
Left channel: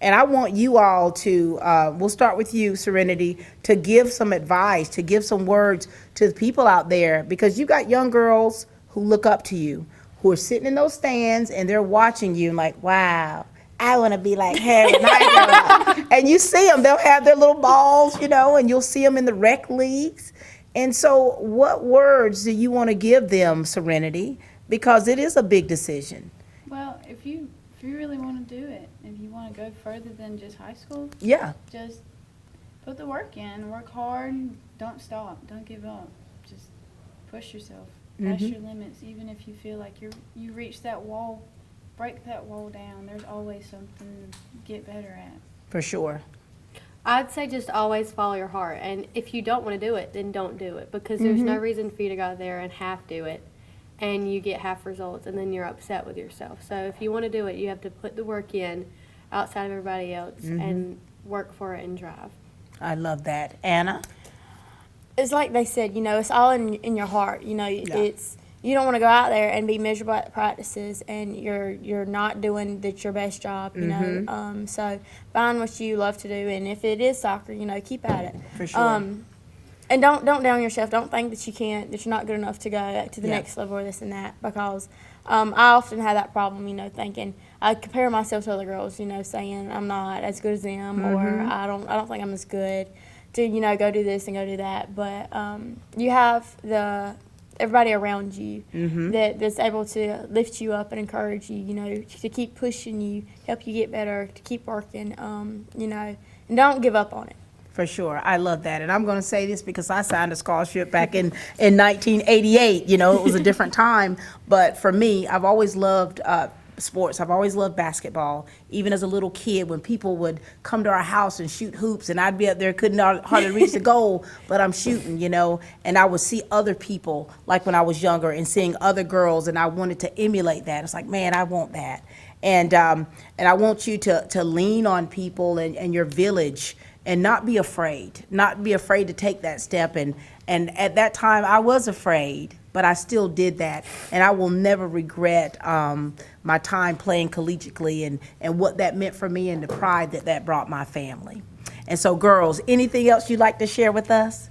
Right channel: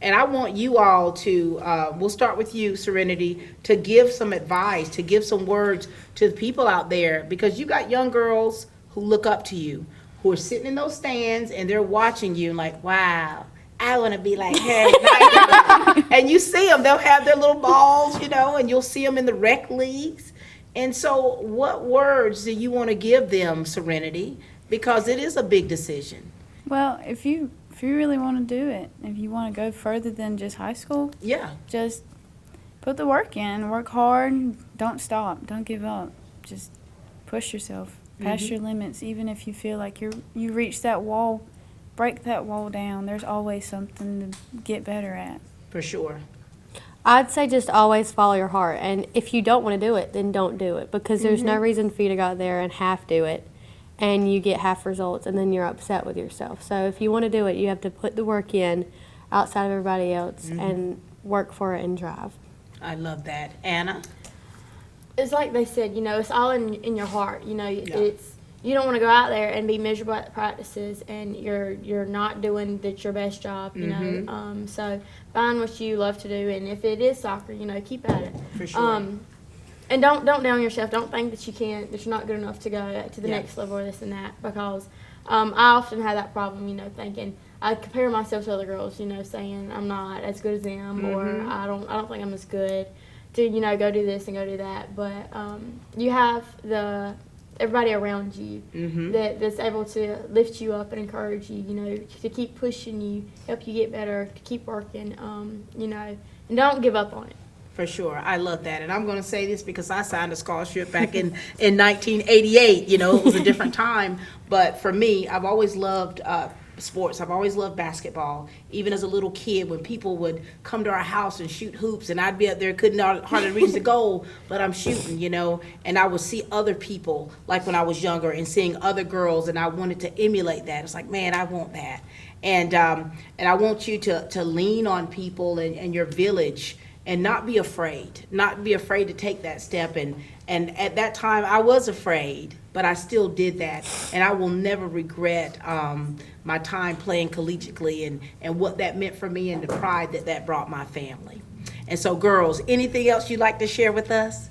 And I want you all to, we'll start with you, Serenity, to give some advice, to give some words to the people out there, because you got young girls who look up to you, who are sitting in those stands and they're watching you and like, wow, I want to be like her. And you see them, they'll have their little balls, you know, and you'll see them in the rec leagues. And so what words do you want to give them, Serenity? Because it is a big decision. Well, if you really want to do it, if you want to go further than just high school, just put the work in, work hard, don't stop, don't give up. Just push yourself past your limits, even if you feel like you reached that wall, break that wall down. There's always something to get better at. For sure. I'd say just always follow your heart. And if you don't want to do it, then don't do it. Because there's no reason for you to go out there and half do it. And you get half results, and then you're upset with yourself. So if you want to do it, you have to put the work in outside of everybody else and work for it and drive. I love that. Anna? It's like they said, you know, it's all in your heart. You know, it's you don't want to go out there and be miserable at practices and you're not doing your best job, you know. So find what you love to do, and if it is soccer, you know, keep at it. For sure. And don't down yourself. Don't think that you're not good enough to go to the next level or this and that, because I often have that problem, you know, thinking I compare myself to other girls, you know, saying I'm not as good as them or I don't think I'm as good to, you know, go do this and go do that. But you have everybody around you that's able to lift you up and encourage you, you know, to keep pushing you, help you get better, to keep working, you know, and don't give up on it. For sure. I love that. And I'm going to say this because I signed a scholarship back in 1988. You know, it was a different time. But for me, I've always loved sports. I've always loved basketball. Even as a little kid, when people would come to our house and shoot hoops, and I'd be up there, couldn't hardly reach the goal, but I'm shooting, you know. And I would see other people, like when I was younger, and seeing other girls, and I wanted to emulate that. It's like, man, I want that. And I want you to lean on people and your village, and not be afraid to take that step. And at that time I was afraid, but I still did that, and I will never regret my time playing collegiately and what that meant for me and the pride that brought my family. And so, girls, anything else you'd like to share with us?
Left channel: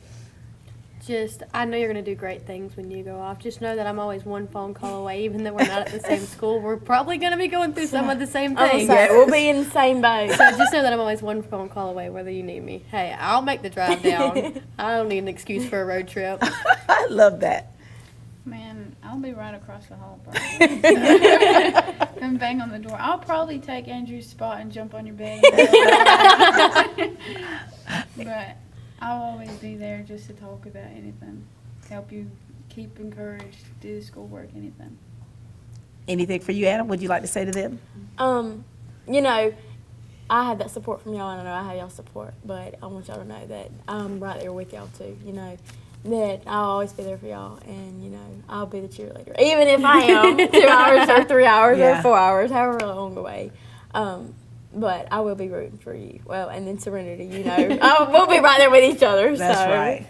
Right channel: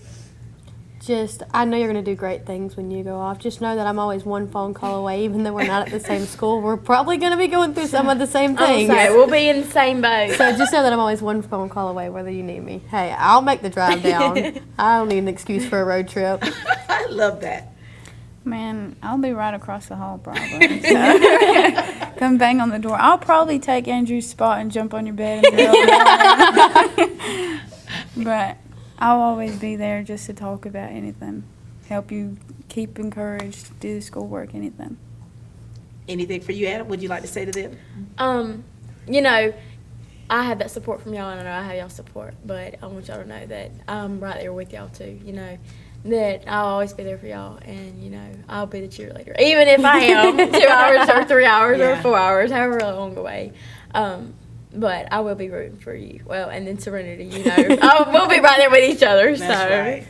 Just, I know you're going to do great things when you go off. Just know that I'm always one phone call away, even though we're not at the same school. We're probably going to be going through some of the same things. We'll be in the same boat. So just know that I'm always one phone call away, whether you need me. Hey, I'll make the drive down. I don't need an excuse for a road trip. I love that. Man, I'll be right across the hall probably. So, come bang on the door. I'll probably take Andrew's spot and jump on your bed in the middle of the night. But I'll always be there just to talk about anything, help you keep encouraged, do the schoolwork, anything. Anything for you, Adam? Would you like to say to them? You know, I have that support from y'all, and I know I have y'all support, but I want y'all to know that I'm right there with y'all too, you know, that I'll always be there for y'all, and, you know, I'll be the cheerleader, even if I am 2 hours or 3 hours or 4 hours, however long away. But I will be rooting for you. Well, and then Serenity, you know, we'll be right there with each other. That's right.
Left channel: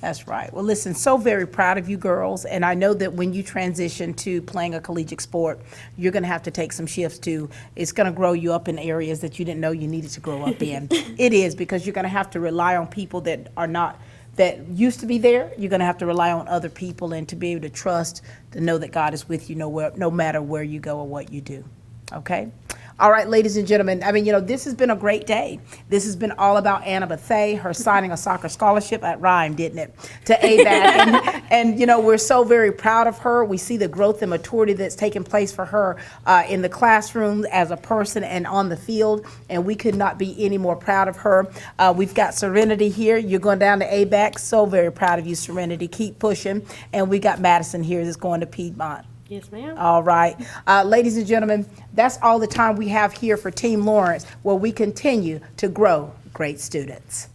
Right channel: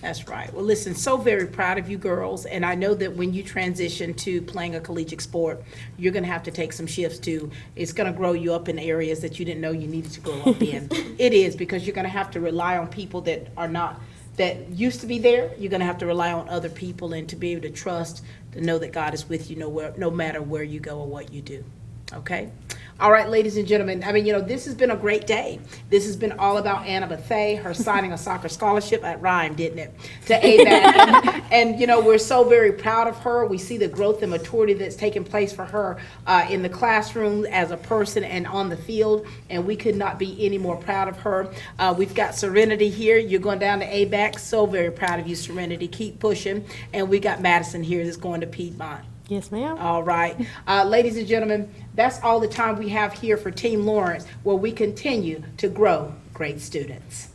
That's right. Well, listen, so very proud of you girls, and I know that when you transition to playing a collegiate sport, you're going to have to take some shifts too. It's going to grow you up in areas that you didn't know you needed to grow up in. It is, because you're going to have to rely on people that are not, that used to be there. You're going to have to rely on other people, and to be able to trust, to know that God is with you no matter where you go or what you do. Okay? All right, ladies and gentlemen, I mean, you know, this has been a great day. This has been all about Anna Bethea, her signing a soccer scholarship. That rhymed, didn't it? To ABAC. and, you know, we're so very proud of her. We see the growth and maturity that's taken place for her in the classroom as a person and on the field, and we could not be any more proud of her. We've got Serenity here. You're going down to ABAC. So very proud of you, Serenity. Keep pushing. And we got Madison here that's going to Piedmont. Yes, ma'am. All right. Ladies and gentlemen, that's all the time we have here for Team Lawrence, where we continue to grow great students.